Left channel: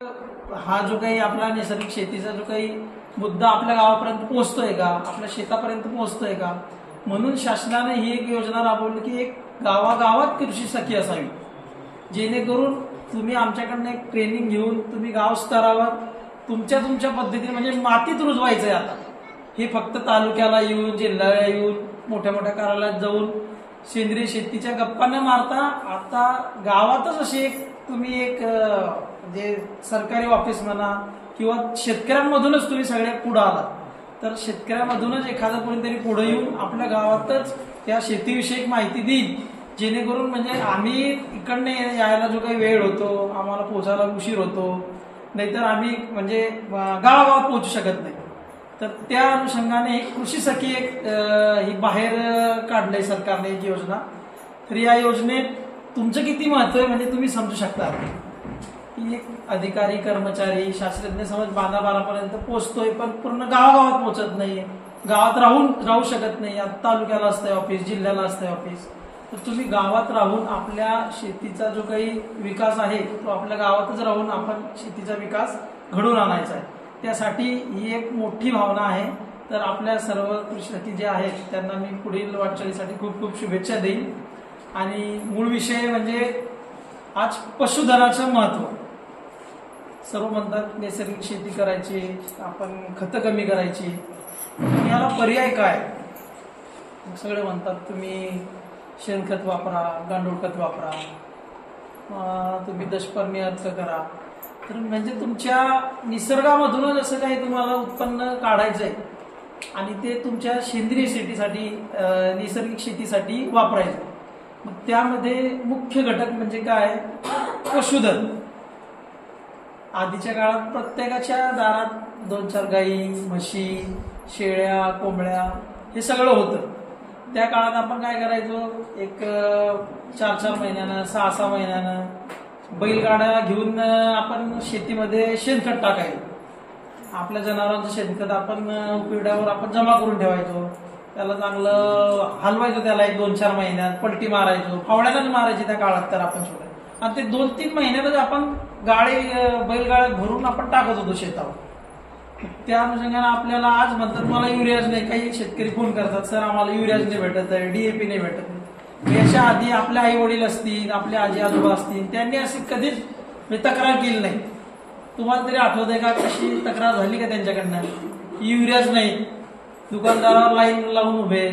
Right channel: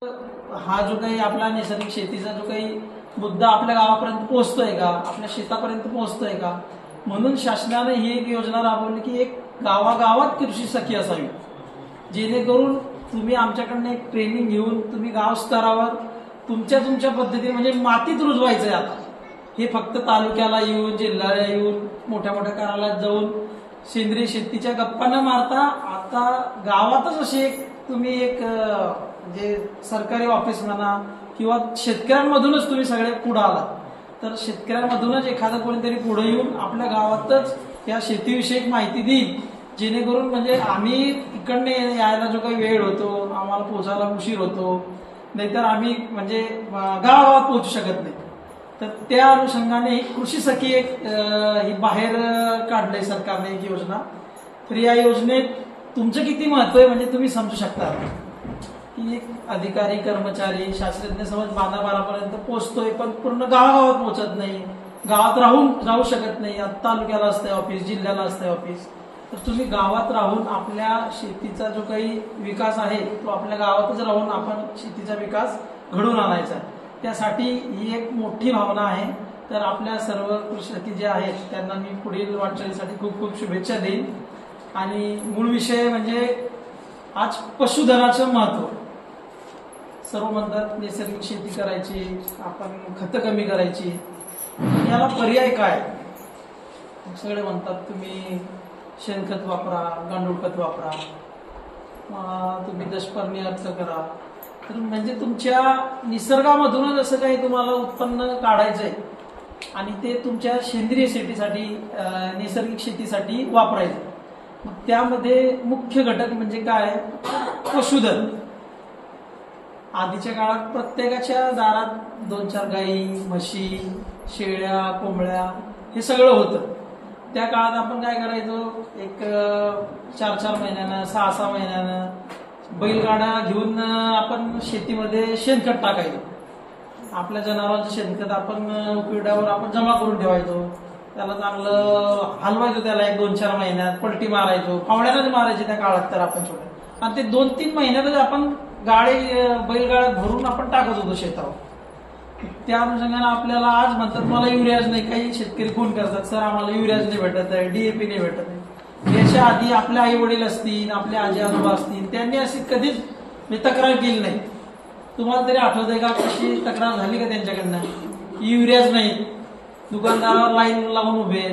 हा जो काही आपला नैसर्गिक शेतीचा जो काही मुद्दा आपल्या गावापर्यंत पोहोचतोय का, आपल्या शेतापर्यंत पोहोचतोय का, म्हणून शासनाने ही एक योजना राबवली की एक गावागावात कृषी सखी असावी, जेणेकरून तुम्ही आमच्याकडनं एक ट्रेनिंग घेऊन तुम्ही गाव स्तरावर तुमच्या पद्धतीने म्हणजे मातीत रुजवायचंय. आता हे फक्त तालुक्याला येऊन, जिल्ह्याला येऊन, मोठ्या मोठ्या कार्यालयात जाऊन सेंद्रिय शेतीच्या गप्पा न मारता आता गावातच अशी एक तुम्ही एक म्हणजे सरकारी ऑफिस म्हणा किंवा शेतकऱ्यांमधूनच तुम्ही सगळे पुढे आलात, तर शेतकऱ्यांमधूनच एखादं कोणीतरी पुढे येऊन आपल्या गावातच त्या शेतीविषयक माहिती देईल, जेणेकरून म्हणजे आम्ही इकडनं यायला जो काही वेळ होतो, आम्हाला पोहोचायला उशीर होतो, नाहीतर आम्ही म्हणजे गावागावात पोहोचू शकत नाही. तर त्या अनुषंगाने ही कृषी सखी एक ही बाहेर काढलंय सरकारने एक योजना. तर या योजनेत तुमचं किती महत्व आहे म्हणजे तुम्ही समजू शकता की एक अधिकारी कर्मचारी शास्त्रज्ञ समज बांधाबारापर्यंत पोहोचतोय, पण पूर्ण गावागावात पोहोचत नाही, गावात राहू शकत नाही. तालुक्याला असतंय ऑफिस, जिल्ह्याला असतंय ऑफिस, तर तुम्ही गावात राहून आपल्या शेतीचा जो काही विकास आहे तो आपल्या गावातच राहून आपण शेतीचा विकास घडून आणायचा आहे. त्यासाठी ही एक मोठी भावना आहे. तर आपल्या सर्व कृषी जे आहेत त्यांना मी पुढील वाटचालीसाठी खूप खूप शुभेच्छा देईन. आणि मूळ विषय म्हणजे आज पशुधनाचं महत्व. सर्व म्हणतात नैसर्गिक शेती करायची, आपण खतं कमी करायची, याला पर्याय काय? सगळे म्हणतात तुम्ही शेणखत वापरा, गांडूळ खत वापरा, तुम्ही दशपर्णी अर्थ करा. तर म्हणजे तुमच्या निसर्गामधूनच असं काही तुम्हाला उत्पन्न काढायचंय आणि ते तुमच्या सेंद्रिय शेतीसाठी नैसर्गिक शेतीसाठी वापरायचं. मग त्यामध्ये मुख्य घटक म्हणजे काय? पशुधन. आधीच्या काळात प्रत्येकाच्या दारात 2-4 गायी, म्हशी, शेळ्या, कोंबड्या हे सगळं होतं. त्या काळात आपण काय करायचो, एक 4-4 महिन्यानं, 6-6 महिन्यानं बैलगाड्या घेऊन आपण शेतीमध्ये शेणखत टाकायचो. आपल्या जनावरांचं शेणखत आपण पिढ्यावर आपण जमा करून ठेवायचो, त्याला चांगलं हलवायचो, त्याला 1-2-4 महिन्यात पलटी मारायचो, फावड्यानंच मारायची त्या काळात. तर आपण छोट्या आणि ते 2-3 महिन्यामध्ये आपण बैलगाड्यात भरून आपण टाकत होतो शेतावर. त्या अनुषंगाने आपल्याला आज म्हणतात मला युरियाज नाही, काही शेतकरी फोन करतात, सर आम्हाला युरियाज नाही भेटत आहे, डीएपी नाही भेटत आहे. याच्या आधी आपले आई वडील असतील, आपले आजी आजोबा असतील, त्यांनी अशी कधीच तक्रार केली नाही. तुम्हाला तरी आठवत आहे का कशी तक्रार झाली का त्यांच्याकडनं? युरियाज नाही, दुकानदारावर लाईन लावून उभे.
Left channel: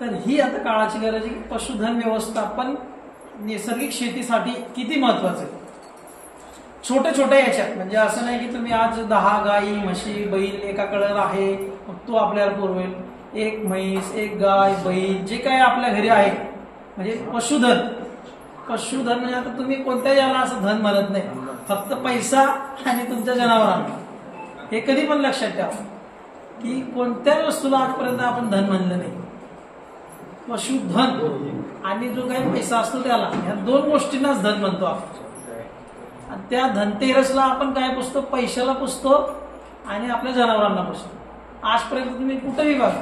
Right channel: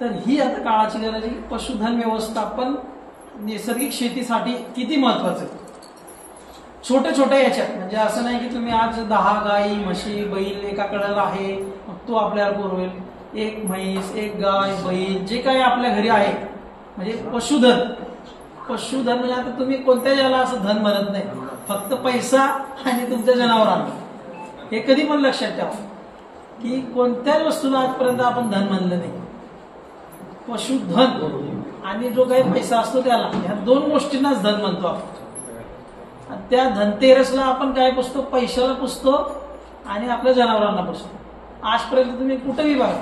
तर ही आता काळाची गरज आहे. पशुधन व्यवस्थापन नैसर्गिक शेतीसाठी किती महत्वाचं आहे. छोट्या छोट्या याच्यात म्हणजे असं नाही की तुम्ही आज 10 गाई, म्हशी, बैल एका कडेला आहे तो आपल्याला पुरवेल. एक म्हैस, एक गाय, बैल जे काय आपल्या घरी आहे म्हणजे पशुधन. पशुधन म्हणजे आता तुम्ही कोणत्या याला असं धन म्हणत नाही, फक्त पैसा आणि तुमच्या जनावरांना. हे कधी पण लक्षात ठेवा की कोणत्याच वस्तूला आजपर्यंत आपण धन म्हणलं नाही. पशुधन आणि जो काही पैसा असतो त्याला, ह्या 2 गोष्टींनाच धन म्हणतो आपण. त्या धनतेरसला आपण काय पुसतो? पैशाला पुसतो आणि आपल्या जनावरांना पुसतो. आजपर्यंत तुम्ही कुठेही बघा,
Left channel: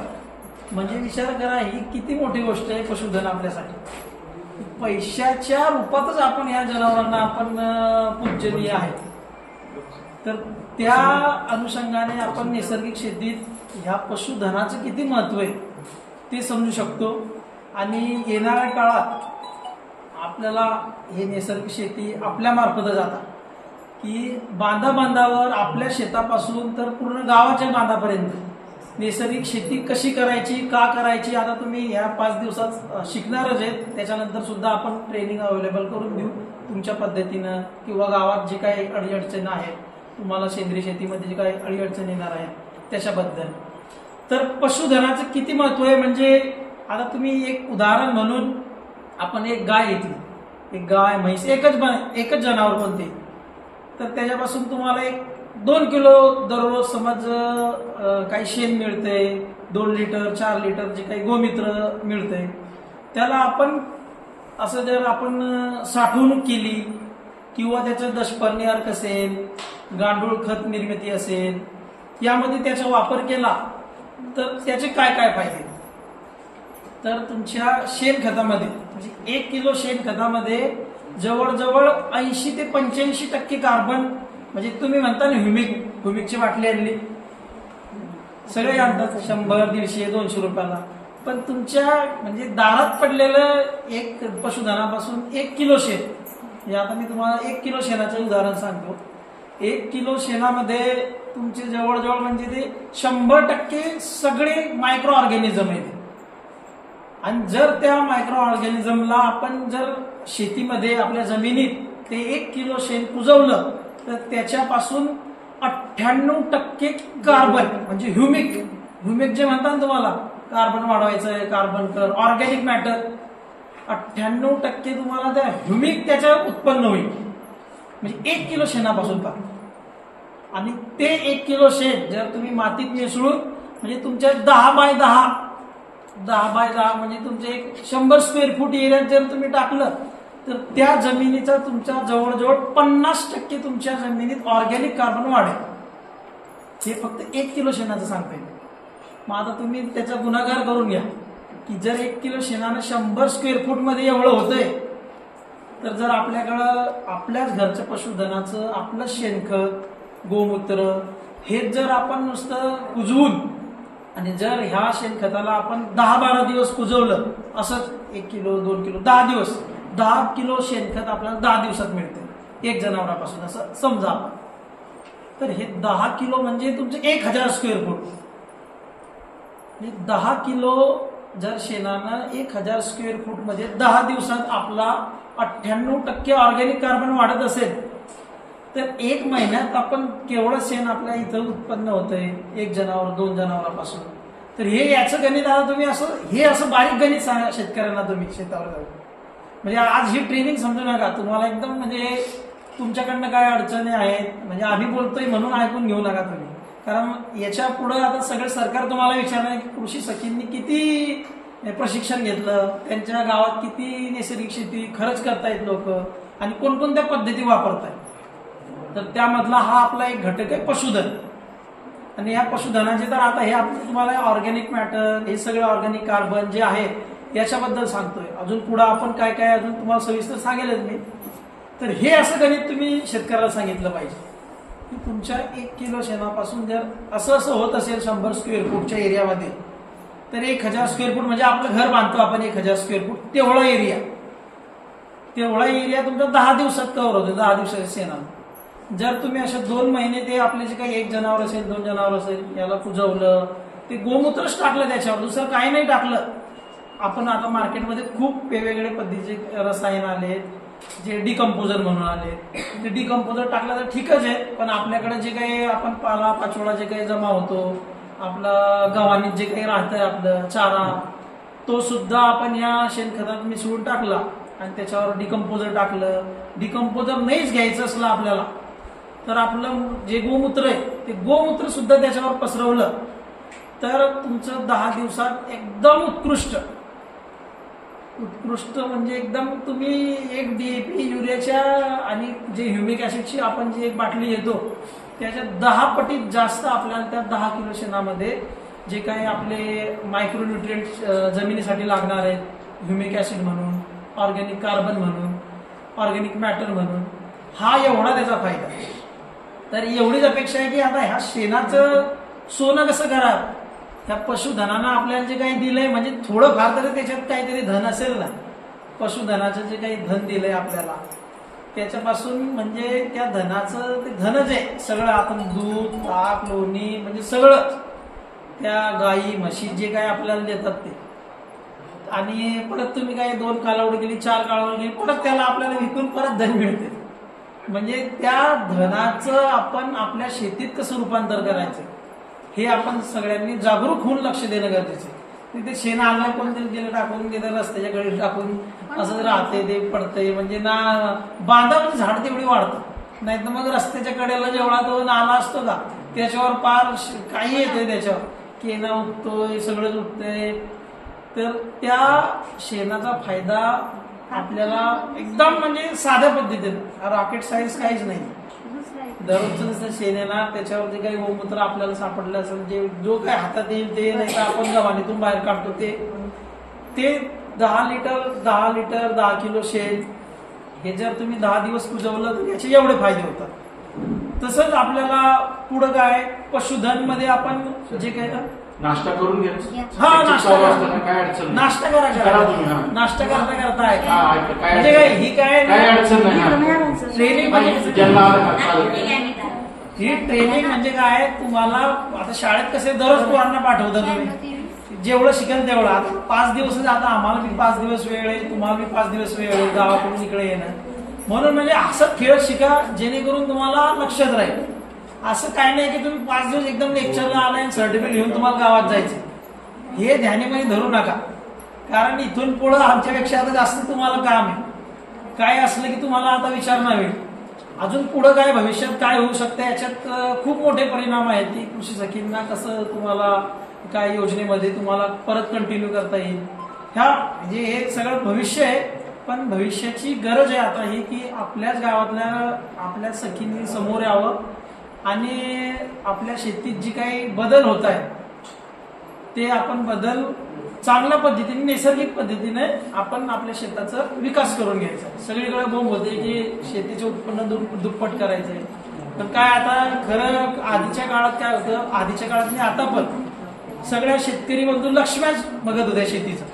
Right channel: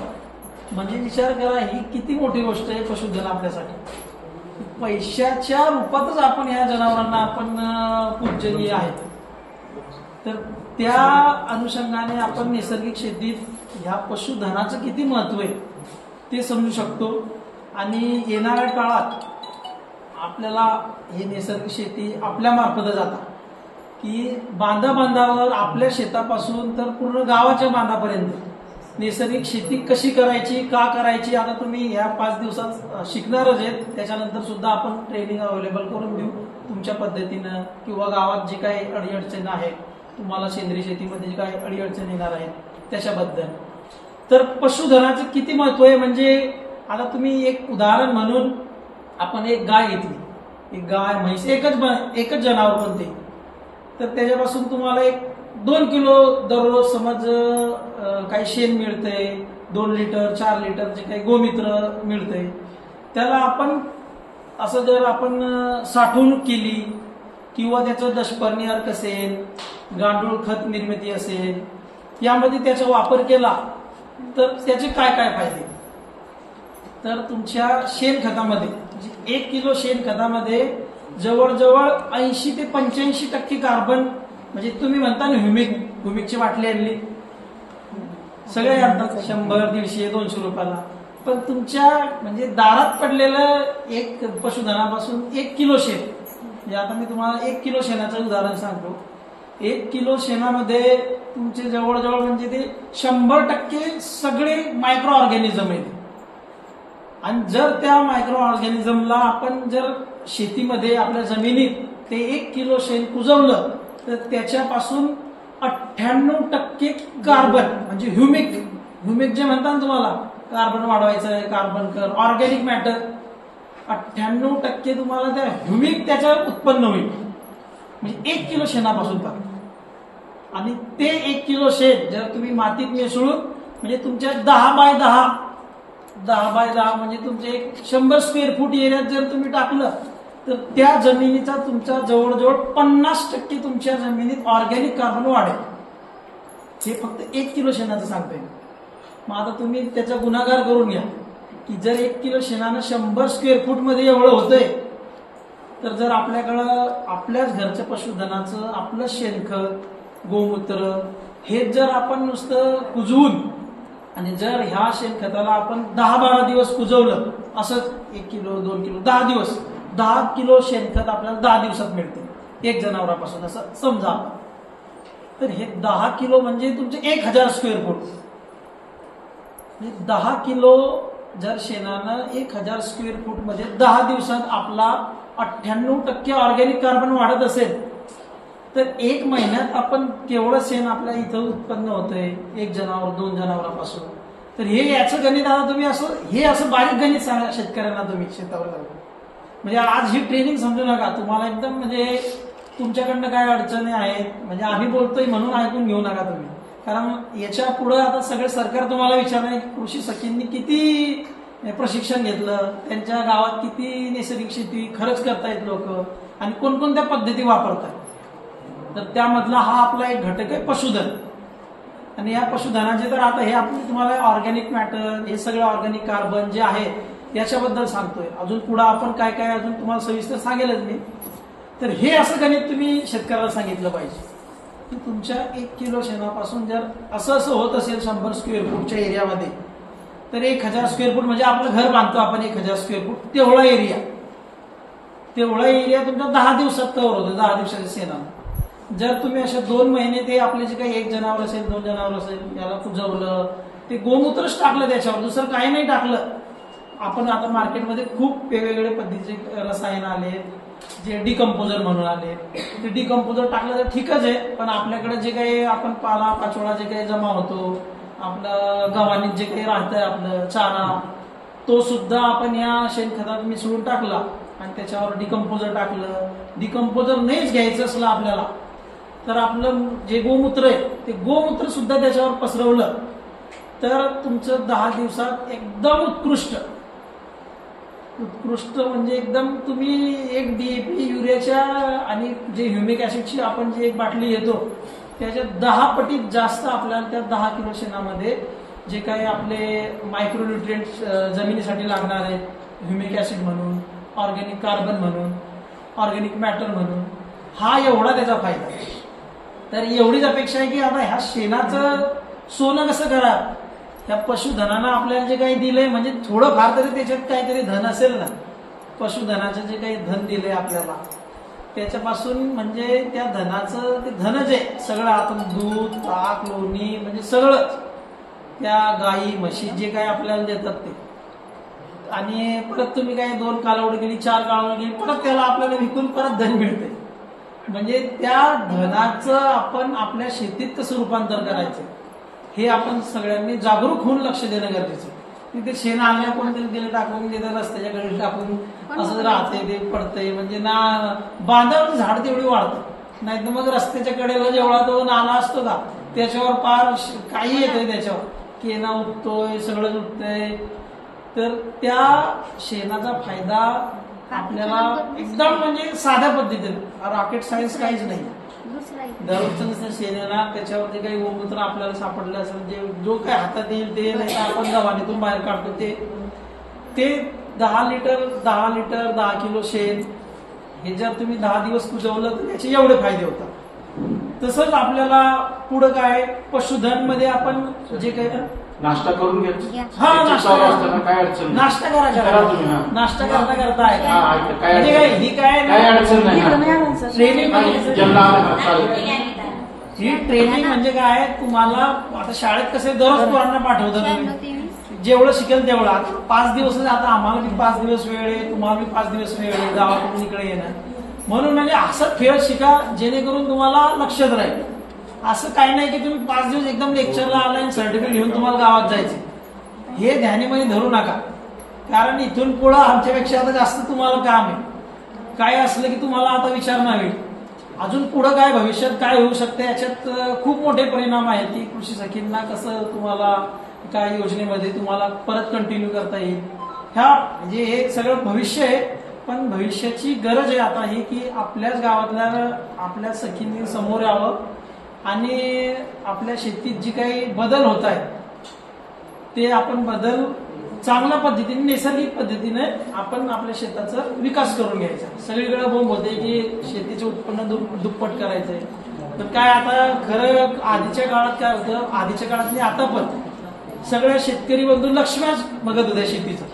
म्हणजे विचार करा ही किती मोठी गोष्ट आहे पशुधन आपल्यासाठी. पैशाच्या रूपातच आपण या जनावरांना आपण पूजनीय आहे. तर त्या अनुषंगाने आपण नैसर्गिक शेतीत ह्या पशुधनाचं किती महत्व आहे ते समजू शकतो. आणि येणाऱ्या काळात आपल्याला ही नैसर्गिक शेती आपल्या मार्फत जातात की बांधावर आपल्या शेतापासून तर पूर्ण गावाच्या बांधापर्यंत नैसर्गिक शेती कशी करायची, का करायची, आता तुम्ही ह्या 5 दिवसात शिकणारच आहेत. त्याच्यानंतर सुद्धा आपण ट्रेनिंग अवेलेबल करून देऊ तुमच्या पद्धतीनं, किंवा गावात जे काही अडीअडचण आहे तुम्हाला सेंद्रिय शेतीमध्ये जे काही अडीअडचण येणार आहे त्याच्याबद्दल. तर पशुधनाचं किती महत्व आहे म्हणजे आता तुम्ही एक उदाहरण म्हणून आपण एक गाय घेतली, एक गाय, म्हैस, एकच जनावर कोणते, तर त्याच्यापासून तुम्हाला एक 2 किलो दररोज समज काही शेण मिळतंय, 2 लिटर 4 लिटर जे काही गोमित्र मिळतंय, त्याला आपण असं जर आपण साठवणूक केली किंवा त्याचं दशपर्णी अर्क असेल, गांडूळ खत निर्मिती असेल, यामध्ये त्याचा वापर केला तर त्याचे काय काय फायदे. तर तुमच्या शेणखतामध्ये म्हणजे 1 किलो शेणखतामध्ये जवळजवळ 80 ते 85% कार्बन, म्हणजे तुम्ही म्हणता ना ह्युमिकची बाटली आणली, सगळे आणतात 100, 150, 200 रुपयाला, पण तुमच्या म्हणजे दारात पडलेलं एक पशुधनापासून 1 किलो शेण, म्हणजे आता मी तुम्हाला 1 किलो शेणाचं उदाहरण सांगतो. 1 किलो शेणामध्ये तुमचे जवळजवळ म्हणजे ते 100% सगळे मायक्रो ऑर्गॅनिझम आहेत. आणि जर त्या मायक्रो ऑर्गॅनिझमला आपण जर शेतीमध्ये आपल्या जमिनीत ते 1 किलो शेण कुजवलं तर त्याच्यापासून 98% कार्बन, म्हणजे ह्युमिक जे म्हणतात तुम्हाला, कार्बन वाढवायचं आहे, कार्बन कर, ऑर्गॅनिक मॅटर, 98% तुम्हाला त्या ह्युमिक त्याच्यावर उत्पन्न होईल, म्हणजे 1 किलो शेणापासून पण. आणि ते 1 किलो शेण जर तुम्ही मातीत मिसळून, म्हणजे तुमच्या 10 बाय 10 म्हणजे तुमचे 100 स्क्वेअर फूट एरियात जर तुम्ही टाकलं तर त्या जमिनीचा तुमच्या जवळजवळ 50% तुमच्या जमिनीत ऑर्गॅनिक कार्बन वाढेल. हे फक्त 1 किलो शेणाचं सांगतोय. मग आता तुम्ही त्याचा गुणाकार करून घ्या की जर 1 किलो शेणानं 100 स्क्वेअर फूट मध्ये एवढं होतंय, तर जर आपल्याकडं आपल्याच घरचं पशुधनाचं आपलं शेणखत, गोमूत्र हे जर आपण नुसतं कुजवून, आणि जर ह्या शेणखताला आपण 10-12 दिवस कुजवलं, असंच 1 किलो 2 किलो 10 दिवस, 10 किलो शेणखत आपल्याला 10 दिवसात मिळते 1 जनावरापासून, असं समजा आपण. तर हे 10 किलो म्हणजे तुमचे 1000 स्क्वेअर फूट. 10 किलो जर शेणानं 1000 स्क्वेअर फूट मध्ये 10 दिवसात आपला 98% ऑर्गॅनिक कार्बन वाढत असेल, तर 1 महिन्यात आपण केवढं शेण आपल्या इथं उत्पन्न होतंय 1 जनावर 2 जनावरांपासून. तर हे याचं गणित आता तुम्ही असं बारीक गणित सांगा शेतकऱ्यांना तुम्ही शेतावर जाऊन. म्हणजे आज ही ट्रेनिंग समजू नका, तुम्हाला एकदम म्हणजे तुमच्याकडनं काय अडचणी आहेत, म्हणजे आम्ही बोलतोय म्हणून ऐकून घेऊ नका तुम्ही. कारण याच्या पुढे आता सगळं सरकार तुम्हाला विचारणार की कृषी सखींनी किती प्रशिक्षण घेतलं, त्यांच्या गावात किती नैसर्गिक शेती खरंच करतायत लोक, आणि कोणकोणत्या पद्धती वापरतायत. तर त्यामधला हा आपला एक घटक आहे पशुधन. आणि या पशुधनाचे तर आता हे आपण तुम्हाला ऑर्गॅनिक मॅटर, हे सगळं ऑर्गॅनिक कार्बन जे आहे याच्याबद्दल सांगतोय. अजून पुढे आपण काय काय अजून तुम्हाला सविस्तर सांगेलच मी. तर हे असं गणित तुम्ही शेतकऱ्याला सांगितलं पाहिजे की तुमच्या 1 किलो शेणापासून जर असं होत असेल 100 स्क्वेअर फूटच्या एरियामध्ये, तर 1000 स्क्वेअर फूट म्हणजे आपलं घर बांधतो आपण 1000 स्क्वेअर फूट, तेवढा एरिया तुमचा 10 दिवसात कव्हर होतो, 10 दिवसाच्या शेणानं. जर तुम्ही असे 2 महिने ते आपले जे काही 1 जनावर असेल 2 जनावर असेल याला कुजवलं, ते गोमूत्रच टाकलं त्याच्यावर, दुसरं काही नाही टाकलं. आपण आता मार्केटमध्ये खूप वेगवेगळे पद्धतीचे रसायन आले, जे डिकम्पोजर म्हणून आले, ते डिकम्पोजर टाकलं तर ठीकच आहे. पण आपल्याकडे जे काही आपण पाला पाचोळा जे काही जमा होतो, आपलं गव्हाणीत जे काही राहतंय आपलं चारा, तो सुद्धा आपण या शेणखतात मिसळून टाकला आणि त्याच्यावर डिकम्पोजर टाकलं. डिकम्पोजर नाहीच घ्यायचं असलं आपल्याला, तर आपलं जे गोमूत्र आहे ते गोमूत्र सुद्धा त्याच्यावर पसरवलं तर तुमचं 10 दिवसात एकदम उत्कृष्ट म्हणजे एकदम तुम्ही एक DAP युरियाच्या आणि जे ह्युमिक ऍसिडची आपण जी एक बाटली घेतो त्याच्या 10 पटीत जास्त आपल्याला त्या 10 किलो शेणामध्ये जे काही आपले मायक्रोन्यूट्रिएंट जमिनीसाठी लागणार आहेत, ह्युमिक ऍसिड म्हणून, ऑर्गॅनिक कार्बन म्हणून, ऑर्गॅनिक मॅटर म्हणून, हा एवढा त्याचा फायदा. तर एवढीच अपेक्षा आहे की आता ह्या शेणाचं सोनं कसं करा, त्या पशुधनानं आपल्याला जे काही दिलंय, म्हणजे थोडंफार तरी त्याच्यात काहीतरी धन असेल ना, पशुधनाचं जे काही धन दिलंय आपल्याला त्याच्यापासून, म्हणजे त्या धनाचं ते धनच आहे सगळं. आपण दूध, ताक, लोणी म्हणजे सगळं त्या गाई म्हशी जे काही आपल्याला देतात ते. आणि परत तुम्ही काय 2 कालावधी गेली, 4 कालावधी गेली, परत त्याला आपल्याला विकून परत धन मिळते. म्हणजे त्या धनाचं आपण आपल्या शेतीत कसं रूपांतर करायचं हे आपण सगळ्यांनी जागरूक होऊन लक्ष देणं गरजेचं आहे. ते शेण आणल्या कोणतरी गेलं टाकून, गेलं रस्त्याच्या कडे टाकून असं राहतंय, ते पडतंय, म्हणजे ना बांधावर झाड तेवढी वाढतं, नाही तर मग रस्त्याच्या कडेला जेवढा तो नाला असतो का त्याच्यावर पार काही येतंय, त्याच्यावर केना उठतोय, सगळं उठतंय. तर त्या शेणाचा फायदा आपल्याला एकदम म्हणजे साध्या पद्धतीने, रॉकेट सायन्स काहीच नाही. दररोजचं नसतं शेण येणार, त्याच्यावर जे काही गोमूत्र आपल्याला सापडलं असेल, जे जो काही हातात येईल ते, नाही तर आपण गव्हाणीतून बाहेर काढतो ते 10 लिटर 10 किलो शेण हे जर तुम्ही 10 दिवस कुजवलं तर त्याचे एवढे फायदे होतात. तसंच आपल्याला पुढं काय पशुधन मध्ये आपण जे काय नाश्ता करून घ्या. हा नाश्ता काय अडचण नाश्ता करा तुम्ही. नाश्ता करता आहे काय ही काय अडचण नाही. ट्रेनिंग ही ट्रेनिंग म्हणजे काय तुम्हाला आता शाळेत कसे दररोज पोरांना पाठवतात तुम्ही जेवढं शिकेल तेवढं. आता 5 दिवस आता आम्हाला बी 5 दिवस वेळ आहे, तुम्हाला बी 5 दिवस वेळ आहे गावाकडून इकडे येणं. म्हणून म्हणजे असं खेळ शिका जेणेकरून तुम्हाला लक्षात राहील. असं काही नाही की तुम्ही 5 दिवस एकदम लेक्चरला आला आणि सर्टिफिकेट घेऊन तुम्हाला गावात जायचे. हे ध्यानीमध्ये धरू नका, कारण इथून पुढं आमच्यापेक्षा आता जास्त तुम्हाला काम आहे. काय असलं की तुम्हाला आता विचार नाही अजून पुढं काय भविष्यात काय होऊ शकतं याच्यात खूप मोठे परिणाम आहेत की कृषी सखींना कसं तुम्हाला काय योजनेमध्ये तुम्हाला परत कंटिन्यू करता येईल. ह्या म्हणजे हे सगळं भविष्य आहे, पण भविष्याची गरज आहे आता ही की आपल्याच गावातल्या आपल्या सखींनी समोर यावं आणि आपल्या शेतीत जी काही बदल होत आहे ते आपण बदल चांगल्या पद्धतीने नैसर्गिक पद्धतीने आपण आपल्या शेताचा विकास करून घ्यायचा. सगळीकडे बोंब होते की शेतीचे उत्पन्न दुप्पट करायचंय. पण काय आता खरं आधीच्या काळात काय होतं, आधीच्या काळात नाही आता पण सगळ्या शेतकरी बंधू लक्ष्म्याच बघत होत्या शेतीचं,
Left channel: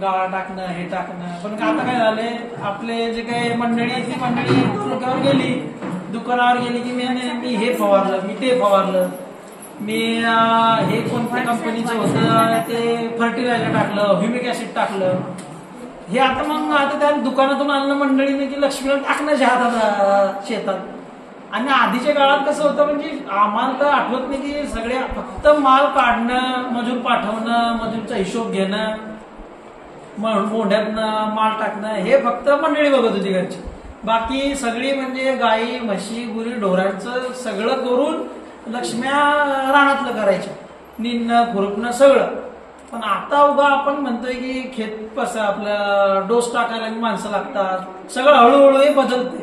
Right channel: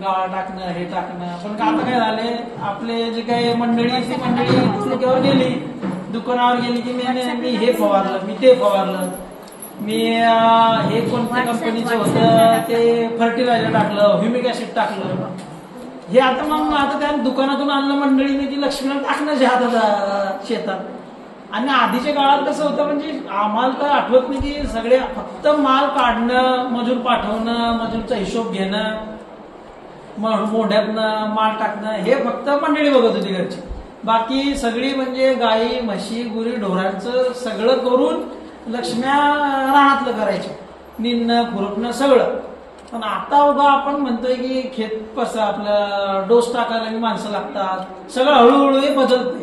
गाळ टाकणं हे टाकणं. पण आता काय झाले आपले जे काही मंडळी ती मंडळी त्याच्यावर गेली, दुकानावर गेली की मी हे फवारलं, मी ते फवारलं, मी हे कोणत्या कंपनीचं होतं ते फर्टिलायझर टाकलं, ह्युमिक ऍसिड टाकलं. हे आता मग आता त्या दुकानातून आणलं मंडळीने की लक्ष्मीला टाकणं हातात शेतात. आणि आधीच्या काळात कसं होतं म्हणजे आम्हाला तर आठवत नाही की सगळे फक्त माल काढणं, मजूर पाठवणं, मजूरचा हिशोब घेणं, मोढ्यातनं माल टाकणं हे फक्त मंडळी बघत होती घरची. बाकी सगळी म्हणजे गाई म्हशी गुरी ढोरांचं सगळं करून लक्ष्म्या रानातलं करायच्या, निंदणं खुरपणं सगळं. पण आता उगा आपण म्हणतोय की खेत कसं आपलं डोस टाकायला माणसं लागतात, सगळं हळूहळू हे बदलतंय.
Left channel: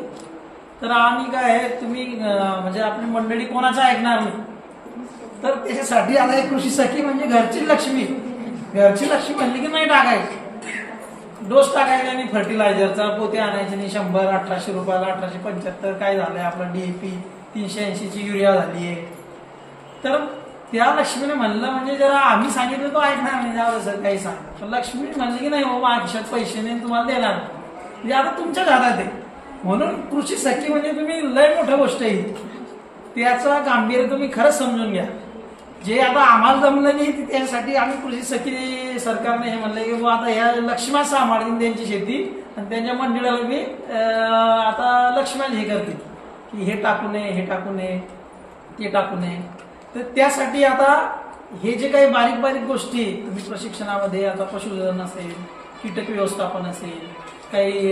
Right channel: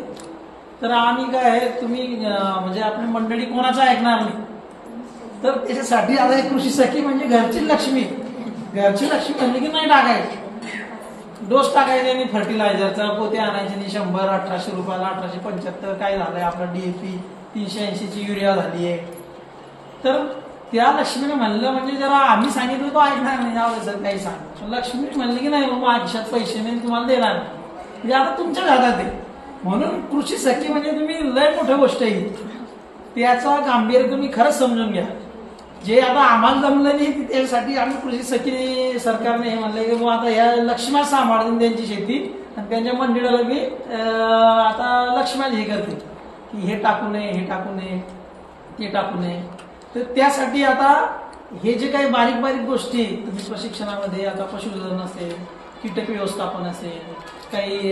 तर आम्ही काय तुम्ही म्हणजे आपली मंडळी कोणाचं ऐकणार नाही. तर त्याच्यासाठी आता एक कृषी सखी म्हणजे घरची लक्ष्मी म्हणली की नाही टाकायची, डोस टाकायचा नाही, फर्टिलायझरचा पोते आणायचे नाही 100-1800 रुपयाला, 1875 काय झालंय आपलं DAP 380ची युरिया झाली आहे. तर त्या लक्ष्मीने म्हणलं म्हणजे जरा आम्ही सांगितलं तो ऐकणार नाही, जाऊ सर काही सांग. पण लक्ष्मी म्हणली की नाही बाबा आयुष्यात पैसे नाही तुम्हाला देणार, म्हणजे आता तुमच्याच हातात आहे. म्हणून कृषी सखी म्हणजे तुम्ही लय मोठी गोष्ट आहे, त्याचा गांभीर्य तुम्ही खरंच समजून घ्या. जे आता आम्हाला जमलं नाही त्यासाठी आम्ही कृषी सखी सरकारने हे म्हणलं की आता या लक्ष्म्या सांभाळतील त्यांची शेती आणि त्यांच्या मंडळाला बी आता लक्ष्म्याला हे करतील की हे टाकू नये, हे टाकू नये, ते टाकू नये. तर त्यासाठी आता हे जे काही बारीक बारीक गोष्टी तुम्ही प्रशिक्षणामध्ये आता पशुधन असेल, कीटक व्यवस्थापन असेल, काही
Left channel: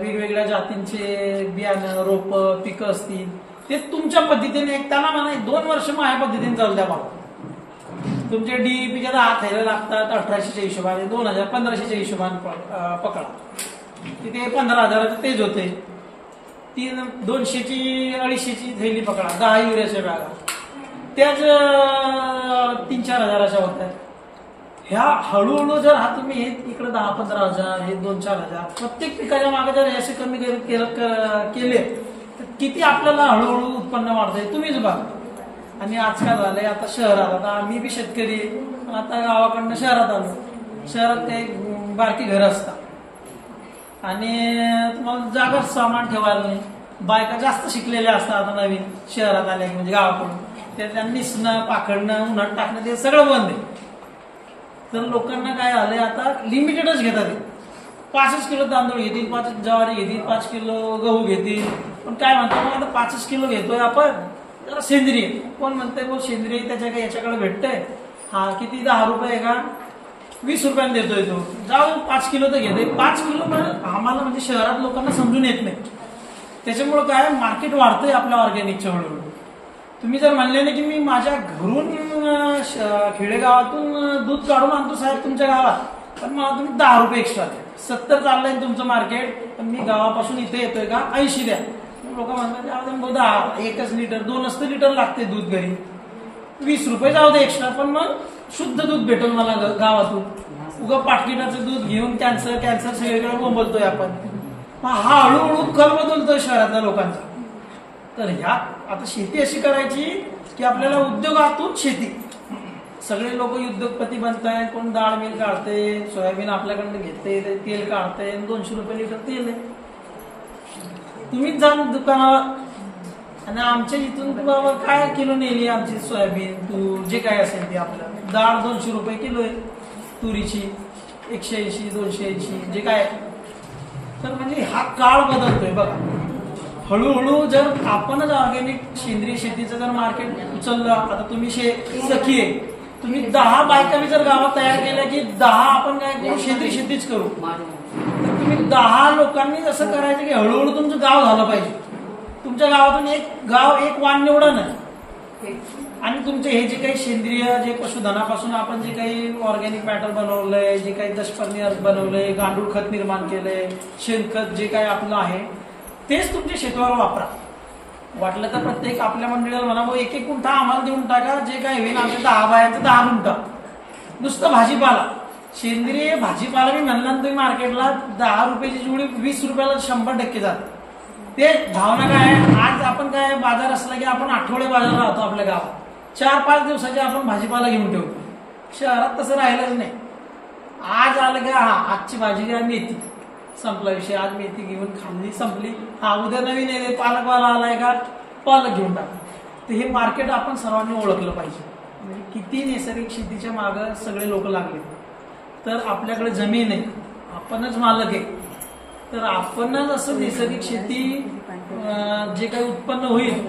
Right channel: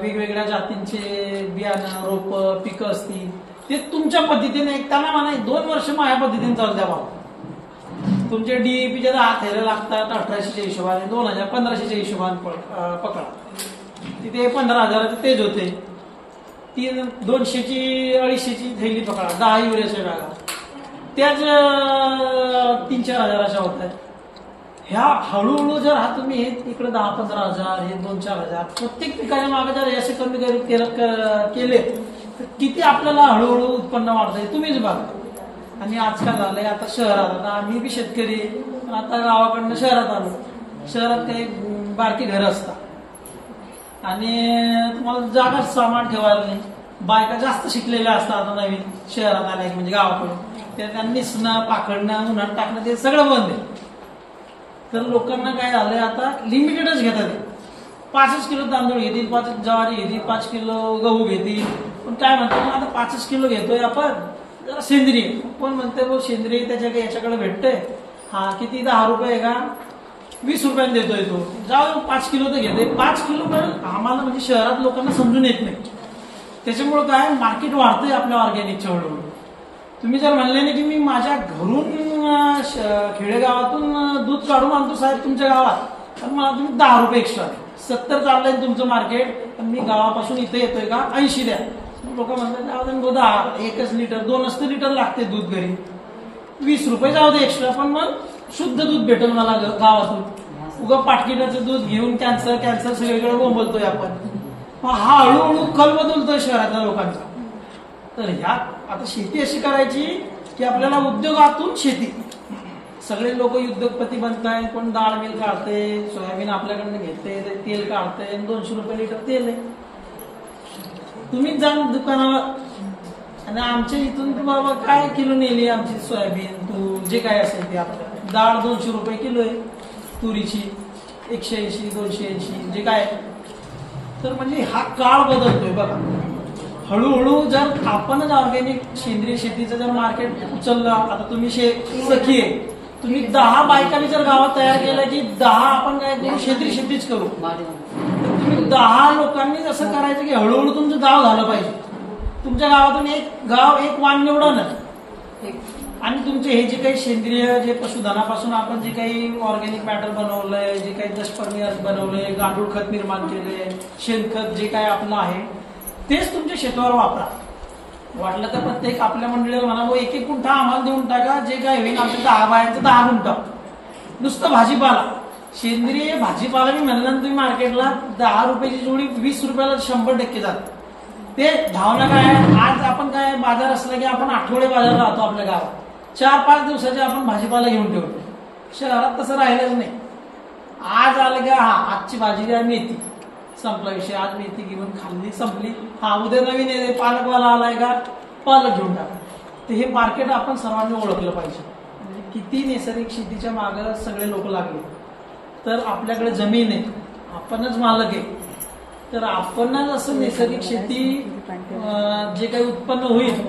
वेगवेगळ्या जातींचे बियाणं रोप पिकं असतील ते तुमच्या पद्धतीने त्यांना म्हणा 2 वर्ष माझ्या पद्धतीने चालू द्या भाऊ. तुमचे DAPच्या 10 थैल्या लागतात 1800च्या हिशोबाने, 2000 1500च्या हिशोबाने पकडा, तिथे 15,000 तेज होते. 200ची 250ची थैली पकडा, 10 युरियाच्या बॅगा त्याच 3-4 हजाराच्या होत आहेत. ह्या हळूहळू जर हा तुम्ही इकडे 10-15 हजार हे 2-4 हजार प्रत्येक पिकाच्या मागे जर असे कमी केले तर किती आपल्याला हळूहळू उत्पन्न वाढतंय तुम्हीच बघा. आणि आजकाल झालंय आता शहरात, आता आम्ही बी शेतकरी आता गावाकडनं शहरात आलो. शहरात काही बारकी घरं असतात आणि तुम्हाला जागा सामान ठेवायला नाही. बायका जास्त शिकलेल्या असतात आता नवीन शहरात आल्या की म्हणजे गावाकडून, त्या निसणं पाकडणं उन्हात टाकणं ते सगळं बंद आहे. तर लोकांना काय झालंय आता लिमिटेडच घेतात. 5 किलो तांदूळ घेतील, 5 ज्वारी घेतील, 5 किलो गहू घेतील. पण काय म्हणतो मग आता 5 किलो घेतोय आपण जरा सेंद्रिय. कोण म्हणतंय मग सेंद्रिय त्याच्या याच्याकडे भेटतंय, हा किती 10 रुपये का 20 रुपयाला देतोय तो, जाऊ 5 किलो तर घेतोय. 5 किलो पण आम्हाला म्हणजे शहरात लोकांना समजून येत नाही. त्याच्यामुळे काय मार्केट वाढतंय आपल्या ऑर्गॅनिकच्या हळूहळू. तुम्ही जर म्हणले ना की मी माझ्या घरून खेडेगावातून दूध काढून आणतो साहेब तुमच्या गावात, तर मला तुम्ही 10 रुपये एक्स्ट्रा द्या. 70 चाललंय तुमचं मार्केट, पण मी गावापासून इथे येतोय का 80 द्या. लोक म्हणतात 10 1 लिटर 2 लिटर लागते दूध घरी, 20 रुपये जाऊ दे एक्स्ट्रा, पण मग शुद्ध दूध भेटेल मला गावातून. उगा पाटकिटाचं दूध घेऊन कॅन्सर सगळीकडे बोंबलतोय आपण. हा हळूहळू कल बदलतोय शहरातल्या लोकांचा. तर ह्या आता शेती अशी करायची की आपल्याला उद्योगातून शेती. सगळे लोक उद्योगपती बनताय. कोण डाळ मिल काढते, सोयाबीन आपल्याकडनं घेते, तेल काढते, 200 रुपये लिटर तेल आहे. तुम्हीच जाऊन दुकानावर आणि आमच्या इथून तू बाबा काय किलो नेली आमची सोयाबीन, तू जे काय असेल ते आपलं डाळ 200 रुपये किलो आहे, तुरीची 180 280 जे काय. तर म्हणजे हा काळ बदलतोय बघा. हळूहळू जर आपणच ऑर्गॅनिक सेंद्रिय शेतीचं जर मार्केट उचललं. आता तुम्ही सखी आहे, तुम्ही 10 बायकांनी जर गावात तयार केलं की 10 आपण काय करू, सेंद्रिय शेतीच करू. तर तुम्ही 10 लोकांनी असं करायचं की हळूहळू तुमचं गाव झालं पाहिजे. तुमच्या गावातून एक वाण निवडा नाही. आणि तुमचे हे जे काही सेंद्रिय जे पशुधनापासून आपण जे काही ऑर्गॅनिक मॅटर बनवलंय, जे काही दशपर्णी बनवलंय, गांडूळ खत निर्माण केलंय, शेणखत जे काही आपलं आहे तेच तुमच्या शेतीवर वापरा. वाटलं तर प्रत्येक आपल्या मंडळीला म्हणा एक एक गुंठा आम्हाला देऊन टाका, जे काय होईल आमच्या 10 बायांचं 10 गुंठा. नुसतं भाजीपाला, सेंद्रिय भाजीपाला मी म्हणलं तुम्ही मार्केटला 10 रुपयाची जोडी 20 रुपयाला 100% जात. ते भावना काय आहे, आज आपण काय बाजार असला की आपण आठवडे बाजार राहतो आपल्या गावात, 4-5 दिवसाचे आपण भाजीपाला घेऊन ठेवतो. शहरात तसं राहिलंच नाही. आज आलं का आजची भाजी घ्या, मेथी, संपला विषय. आज मेथी घेऊन खाल्ली, संपली. उद्या नवीन येते, पालकवाला आलाय का पालक घेऊन टाका. तर हे मार्केट आपण सर्वांनी ओळखलं पाहिजे. म्हणजे किती नैसर्गिक शेतीच्या मागं सगळे लोक लागले. तर आपल्याकडे जमीन आहे, आपणच मालक आहे. तर आपणच असं नैसर्गिक शेती जे काही उत्पन्न होईल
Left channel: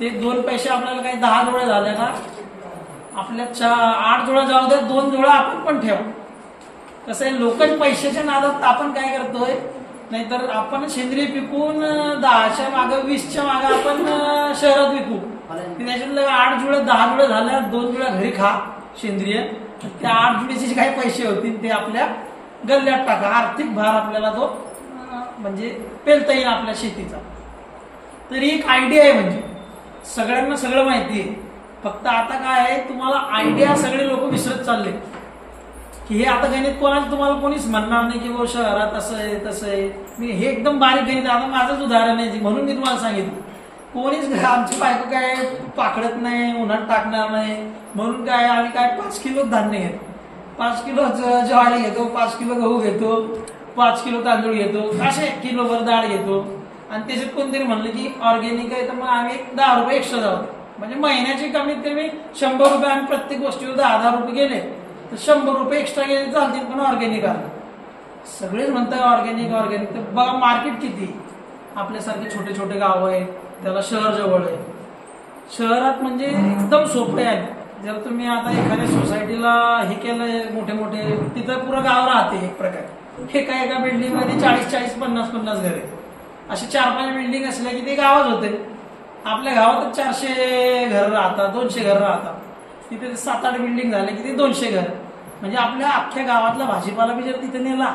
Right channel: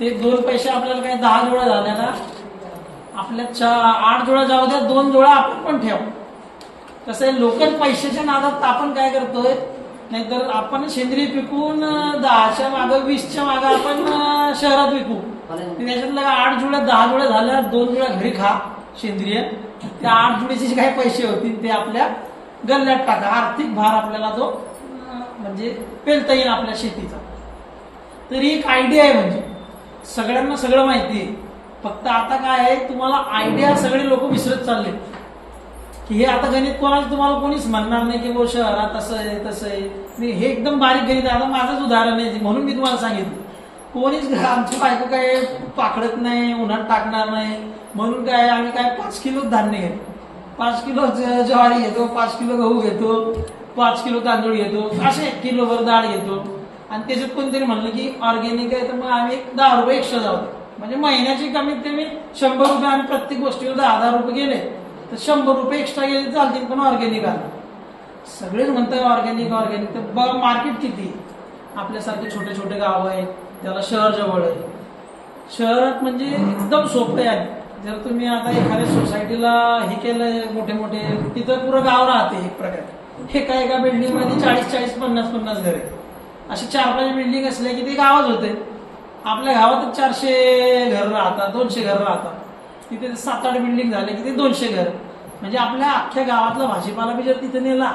ते 2 पैसे आपल्याला काही 10 जोड्या झाल्या ना, आपल्या 8 जोड्या जाऊ द्या, 2 जोड्या आपण पण ठेव. कसं आहे, लोकल पैशाच्या नादात आपण काय करतोय, नाहीतर आपण सेंद्रिय पिकून 10च्या मागं 20च्या मागं आपण शहरात विकू. त्याच्यातलं 8 जोड्या 10 जोड्या झाल्या, 2 जोड्या घरी खा सेंद्रिय. त्या 8 जोड्याचे जे काही पैसे होतील ते आपल्या गल्ल्यात टाका. आर्थिक भार आपल्याला तो म्हणजे पेलता येईल आपल्या शेतीचा. तर एक आयडिया आहे. म्हणजे सगळ्यांना सगळं माहिती आहे. फक्त आता काय आहे, तुम्हाला आयडिया सगळे लोक विसरत चालले. की हे आता गणित कोणाला तुम्हाला कोणीच म्हणणार नाही की वो शहरात असं आहे तसं आहे. मी हे एकदम बारीक गणित. आता माझंच उदाहरण आहे म्हणून मी तुम्हाला सांगितलं. कोणीच आमची बायको काय पाकडत नाही, उन्हात टाकणार नाही म्हणून काय आम्ही काय 5 किलो धान्य घेतो, 5 किलो ज्वारी घेतो, 5 किलो गहू घेतो, 5 किलो तांदूळ घेतो, असे किलोभर डाळ घेतो. आणि त्याच्यात कोणतरी म्हणलं की ऑर्गॅनिक आहे तर मग आम्ही 10 रुपये एक्स्ट्रा जाऊ. म्हणजे महिन्याची कमीत कमी 100 रुपये आम्ही प्रत्येक गोष्टीवर 10,000 रुपये गेले तर 100 रुपये एक्स्ट्रा गेले चालतील, पण ऑर्गॅनिक आहे. सगळेच म्हणतात ऑर्गॅनिक ऑर्गॅनिक. तर बघा मार्केट किती. आपल्यासारखे छोटे छोटे गाव आहे, त्याला शहर जवळ आहे. शहरात म्हणजे एकदम सोपे आहे. जर तुम्ही आता एखाद्या सोसायटीला हे केलंय मोठे मोठे, तिथं पुरं गाव राहते एक प्रकारे. एका बिल्डिंग मध्ये 40-40 50-50 घरे, असे 4-5 बिल्डिंग असल्या की ते गावच होते. आपल्या गावात 400 घर राहतात, 200 घर राहतात. तिथे 7-8 बिल्डिंग झाले की ते 200 घर. म्हणजे आपल्या अख्ख्या गावातला भाजीपाला बी जर तिथे नेला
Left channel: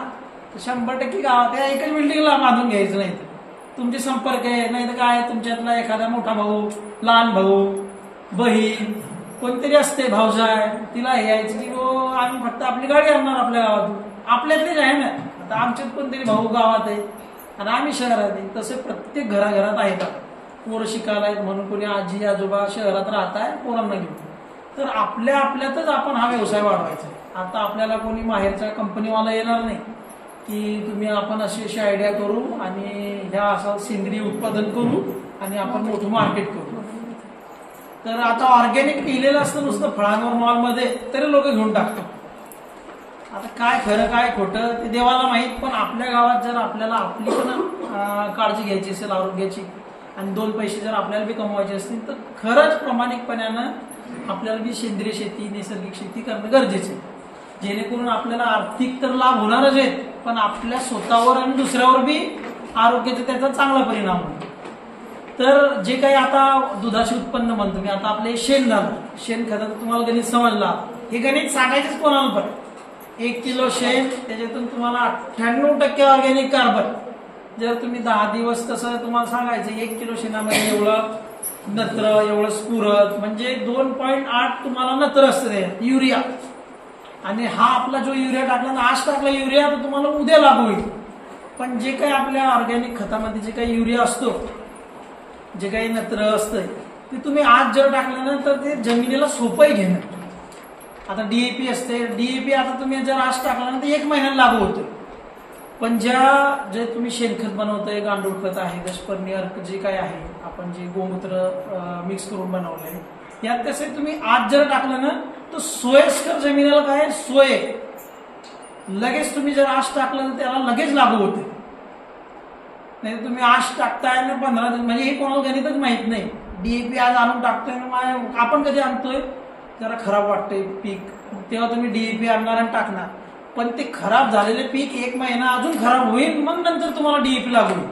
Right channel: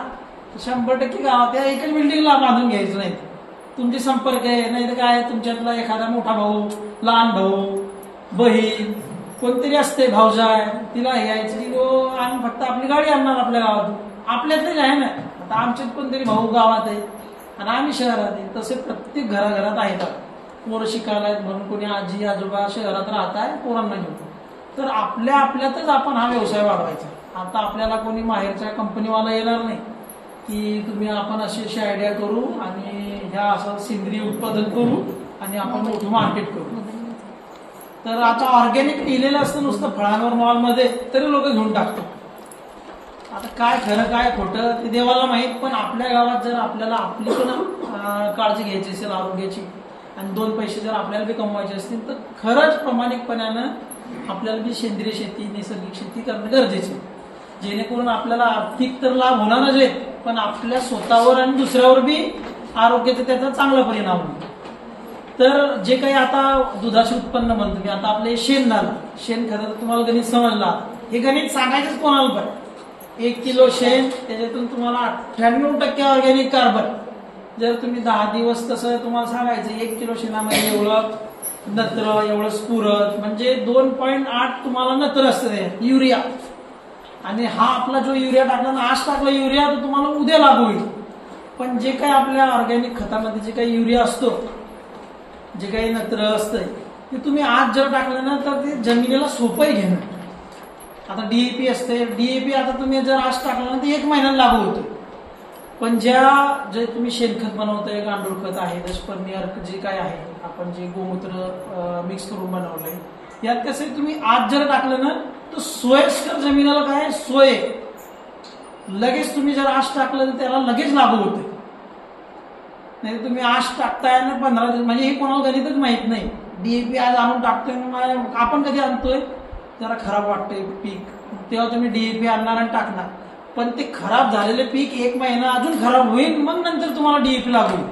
तर 100% गावात या एकच बिल्डिंगला बांधून घ्यायचं नाही. तुमचे संपर्क आहे, नाही तर काय तुमच्यातला एखादा मोठा भाऊ, लहान भाऊ, बहीण कोणतरी असते, भाऊजाय, तिला यायची की आम्ही फक्त आपली गाडी आणणार आपल्या गावातून. आपल्यातलीच आहे ना. आता आमच्यात कोणतरी भाऊ गावात आहे आणि आम्ही शहरात आहे. तसे प्रत्येक घराघरात आहेत. पोरं शिकायला आहेत म्हणून कोणी आजी आजोबा शहरात राहत आहे पोरांना घेऊन. तर आपल्या आपल्यातच आपण हा व्यवसाय वाढवायचा. आता आपल्याला कोणी बाहेरच्या कंपनीवाला येणार नाही की तुम्ही आपण अशी आयडिया करू आणि ह्या असं सेंद्रिय उत्पादन करू आणि आपण मोठं मार्केट करू. तर आता ऑर्गॅनिक लिहिलेलं असतं नुसतं फळांवर मॉलमध्ये तरी लोक घेऊन टाकतात. आता काय खरं काय खोटं ते देवाला माहीत. पण आपल्या गावात जर आपल्याला आपली पण काळजी घ्यायची असेल आरोग्याची आणि 2 पैसे जर आपल्याला बी कमवायचे असतील तर खरंच प्रामाणिकपणानं आपल्याला बी सेंद्रिय शेती नैसर्गिक शेती करणं गरजेचं आहे. जेणेकरून आपल्याला आर्थिक तर लाभ होणारच आहे, पण आपल्या स्वतःवर आणि दुसऱ्यावर बी आरोग्याचा त्याचा चांगला परिणाम होईल. तर जे काही आता दुधाचे उत्पन्न म्हणतो मी, आता आपले शेण झालं, शेणखताचं तुम्हाला गणित समजला. हे गणित सांगायचंच कोणाला पण. 1 किलो शेण त्याच्यातून तुम्हाला 98% ऑर्गॅनिक कार्बन. जर तुम्ही 10 दिवस तसं तुम्हाला सांगायचं 1 किलो शेणामध्ये एवढं नत्र, एवढं स्फुरद, म्हणजे 2.8 तुम्हाला नत्र असतं युरिया. आणि हा आपला जो युरिया टाकला ना, आज टाकला युरिया तर तुम्हाला उद्या लागू होईल. पण जे काही आपल्या ऑर्गॅनिक खतामध्ये जे काही युरिया असतो, जे काही नत्र असतंय, ते तुम्ही आज जर टाकलं ना तर ते जमिनीला सोपंही घेणं. आता डीएपी असते, डीएपी आता तुम्ही जर आज टाकलं ना तर 1 महिन्यात लागू होतं. पण जे तुम्ही शेणखत बनवतंय, गांडूळ खत आहे, स्पर्मी अर्क जे काय आहे, आपण जे गोमूत्र मिक्स करून बनवलंय, यात कसं तुम्ही आज जर टाकलं ना तर सोयस्कर जमिनीला काय सोय, लगेच तुम्ही जर आज टाकलं तर त्याला लगेच लागू होते. नाही तुम्ही आज टाकताय ना 15 दिवस, म्हणजे हे कोणाला गणितच माहित नाही. डीएपी आज आणून टाकतोय, आपण कधी आणतोय, जरा खराब वाटतंय पीक, तेव्हा तुम्ही डीएपी आणणार आणि टाकणार. पण ते खराब झालेले पीक 1 महिना अजून खराब होईल, मग नंतर तुम्हाला डीएपी लागू होईल.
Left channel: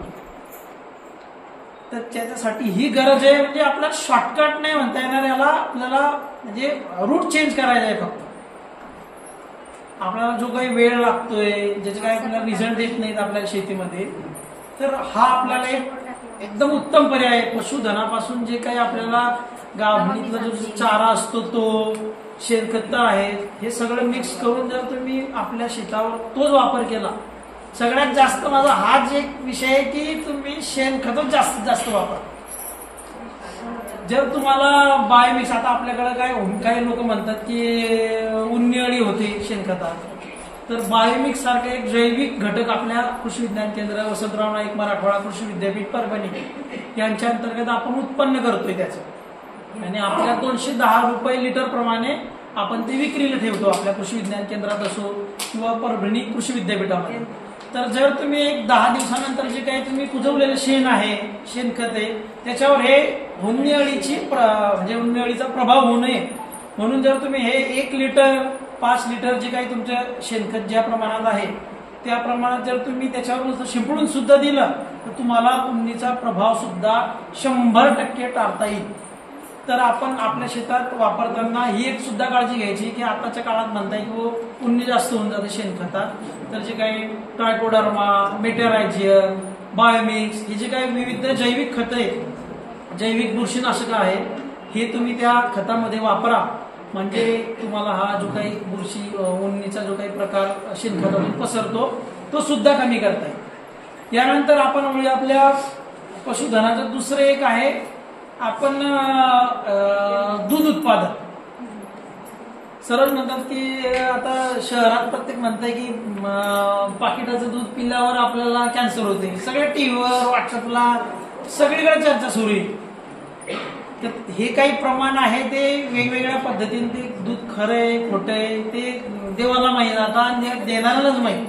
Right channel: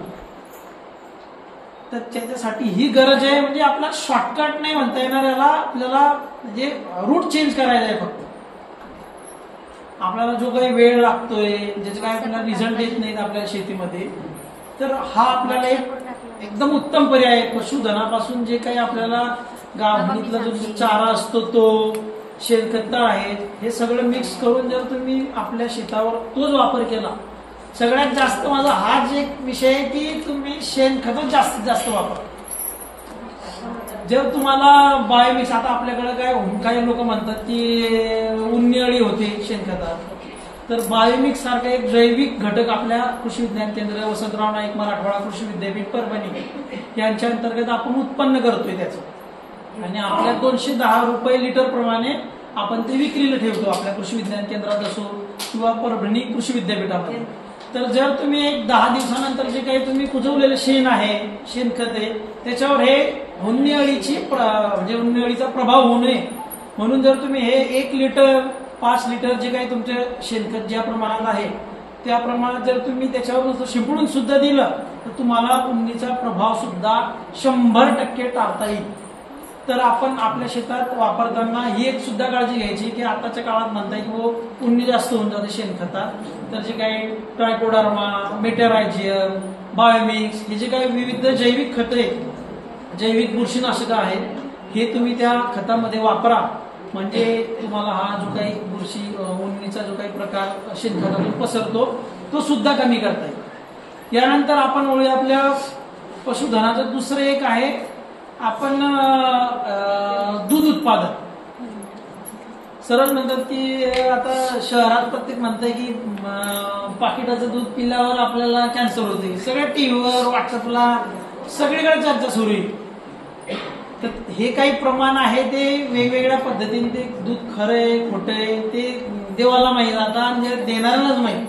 तर त्याच्यासाठी ही गरज आहे. म्हणजे आपला शॉर्टकट नाही म्हणता येणार याला, आपल्याला म्हणजे रूट चेंज करायचा आहे. फक्त आपल्याला जो काही वेळ लागतोय, ज्याचे काही आपल्याला रिझल्ट येत नाहीत आपल्या शेतीमध्ये, तर हा आपल्याला एकदम उत्तम पर्याय आहे. पशुधनापासून जे काही आपल्याला गावणीतला जो चारा असतो, तो शेणखत आहे, हे सगळं मिक्स करून जर तुम्ही आपल्या शेतावर तोच वापर केला, सगळ्यात जास्त माझा हाच एक विषय आहे की तुम्ही शेणखत जास्तीत जास्त वापरा. जर तुम्हाला बायोमिक्स, आता आपल्याकडे काय काही लोक म्हणतात की उन्नी अळी होते शेणखतात, तर बायोमिक्स सारखे एक जैविक घटक आपल्या कृषी विज्ञान केंद्र, वसंतराव नाईक मराठवाडा कृषी विद्यापीठ परभणी यांच्या अंतर्गत आपण उत्पन्न करतोय त्याचं, आणि आपल्या 210 रुपये लिटर प्रमाणे आपण ते विक्रीला ठेवतो आपल्या कृषी विज्ञान केंद्रात असो किंवा परभणी कृषी विद्यापीठामध्ये. तर जर तुम्ही एक 10 दिवसानंतर जे काही तुम्ही कुजवलेलं शेण आहे, शेणखत आहे, त्याच्यावर हे उन्नी अळीची म्हणजे उन्नी अळीचा प्रभाव होऊ नये म्हणून जर तुम्ही हे 1 लिटर 5 लिटर जे काही तुमच्या शेणखत ज्या प्रमाणात आहे त्या प्रमाणात जर तुम्ही त्याच्यावर शिंपडून सुद्धा दिलं तर तुम्हाला उन्नीचा प्रभाव सुद्धा 100% टाळता येईल. तर आपण आपल्या शेतात वापरताना ही एक सुद्धा काळजी घ्यायची की आताच्या काळात म्हणता येईल उन्नी जास्त होऊन जाते शेणखतात, तर जे काही ट्रायकोडर्मा, मेटरायझियम, बायोमिक्स, हे जे काही विविध जैविक खत आहे, जैविक बुरशीनाशक आहे, हे तुम्ही त्या खतामध्ये वापरा. म्हणजे तुम्हाला हा जो काही बुरशी उन्नीचा जो काही प्रकार शेणखतातून पसरतो तो सुद्धा कमी करता येईल. यानंतर आपण वळूया आपल्या पशुधनाचं दुसरं एक आहे, आपण दूध उत्पादन. सरळ म्हणतात की आता शहरात प्रत्येक म्हणतंय की पाकिटाचं दूध पिल्यावर आपल्याला कॅन्सर होते, सगळ्या टीव्हीवर, व्हॉट्सअपला सगळीकडे चर्चा सुरू आहे. तर हे काही प्रमाण आहे ते वेगवेगळ्या पद्धतीने ते दूध खरंय खोटंय ते देवाला माहीत, आता देणाऱ्यालाच माहीत.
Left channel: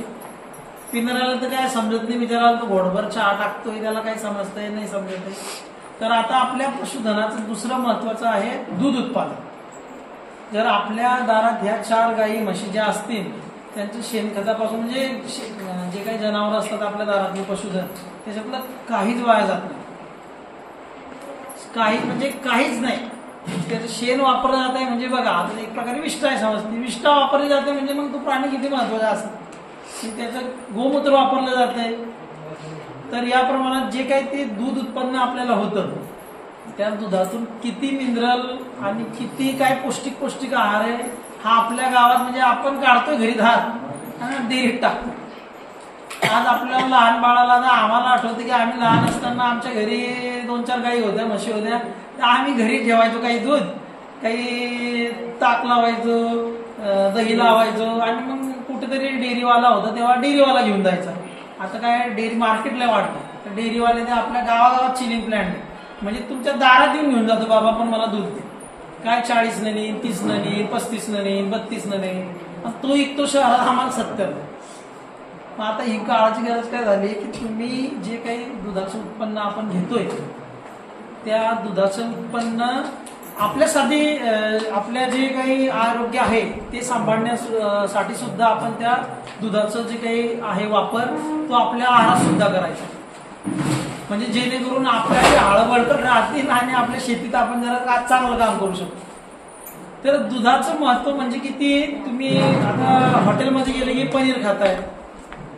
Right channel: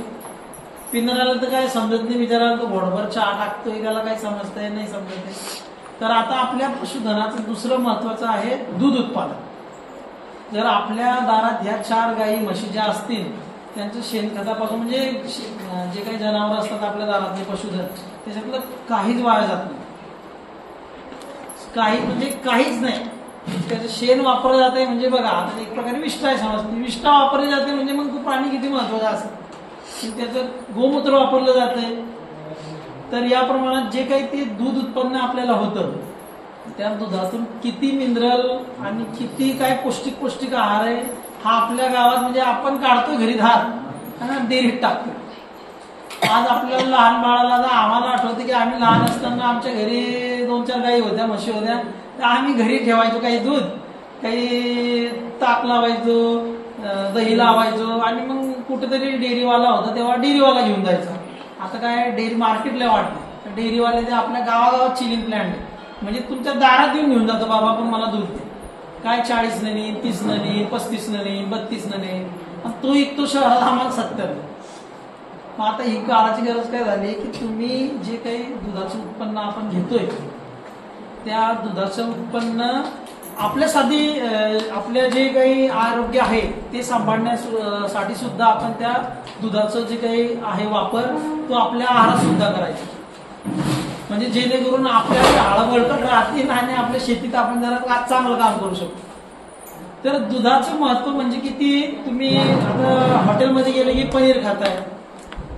पिणाऱ्याला तर काय समजत नाही, विचारायला तो घोडभर चहा टाकतोय, त्याला काय समजतंय नाही समजत. तर आता आपल्या पशुधनाचं दुसरं महत्वाचं आहे दूध उत्पादन. जर आपल्या दारात ह्या 4 गायी म्हशी ज्या असतील त्यांचं शेणखतापासून, म्हणजे जे काही जनावर असतात आपल्या दारातले पशुधन, त्याच्यातलं काहीच वाया जात नाही, काही म्हणजे काहीच नाही. त्याचं शेण वापरलं जात आहे म्हणजे बघा आता एक प्रकारे विष्ठा आहे, समजते विष्ठा वापरली जाते म्हणजे मग तो प्राणी किती महत्वाचा असेल. त्याचं गोमूत्र वापरलं जातंय. तर या प्रमाणात जे काही ते दूध उत्पन्न आपल्याला होतं, त्या दुधातून किती मिनरल आणि किती काय पौष्टिक आहार आहे हा आपल्या गावात, म्हणजे आपण काढतोय घरी धार डेअरीत टाकतो. आज आपल्याला लहान बाळाला, आम्हाला आठवतं की आम्ही लहान असताना आमच्या घरी 2-4 गायी होत्या, म्हशी होत्या, तर आम्ही घरी ठेवायचो काही दूध, काही ताक लावायचो, दही लावायचो, आणि मग कुठेतरी डेअरीवाला होता तेव्हा डेअरीवाला घेऊन जायचा. आता काय डेअरी मार्केटला वाटतं, तर डेअरीवाले ते आपल्या गावागावात चिलिंग प्लॅन्ट, म्हणजे तुमच्या दारात येऊन घेऊन जातो, बाबा पण मला दूध दे. काय 40 ननी, 30 ननी, 35 ननी, 32 ननी, तो विकतो शहरात आम्हाला 70. आता ही काळाची गरज काय झाली की तुम्ही जे काही दुधाचं उत्पन्न आपण घेतोय त्या दुधाचं उत्पन्न आपल्यासाठी, आपल्या जे काही आरोग्य आहे ते सांभाळण्यासाठी सुद्धा आपण त्या दुधाचं जे काही आहे वापर तो आपल्या आहारात सुद्धा करायचा, म्हणजे जेणेकरून आपल्या हाडं बळकट राहतील आणि आपल्या शेतीत आपण जरा चांगलं काम करू शकतो. तर दुधाचं महत्व म्हणजे किती, तुम्ही आता हॉटेलमध्ये गेले की पनीर खाताय,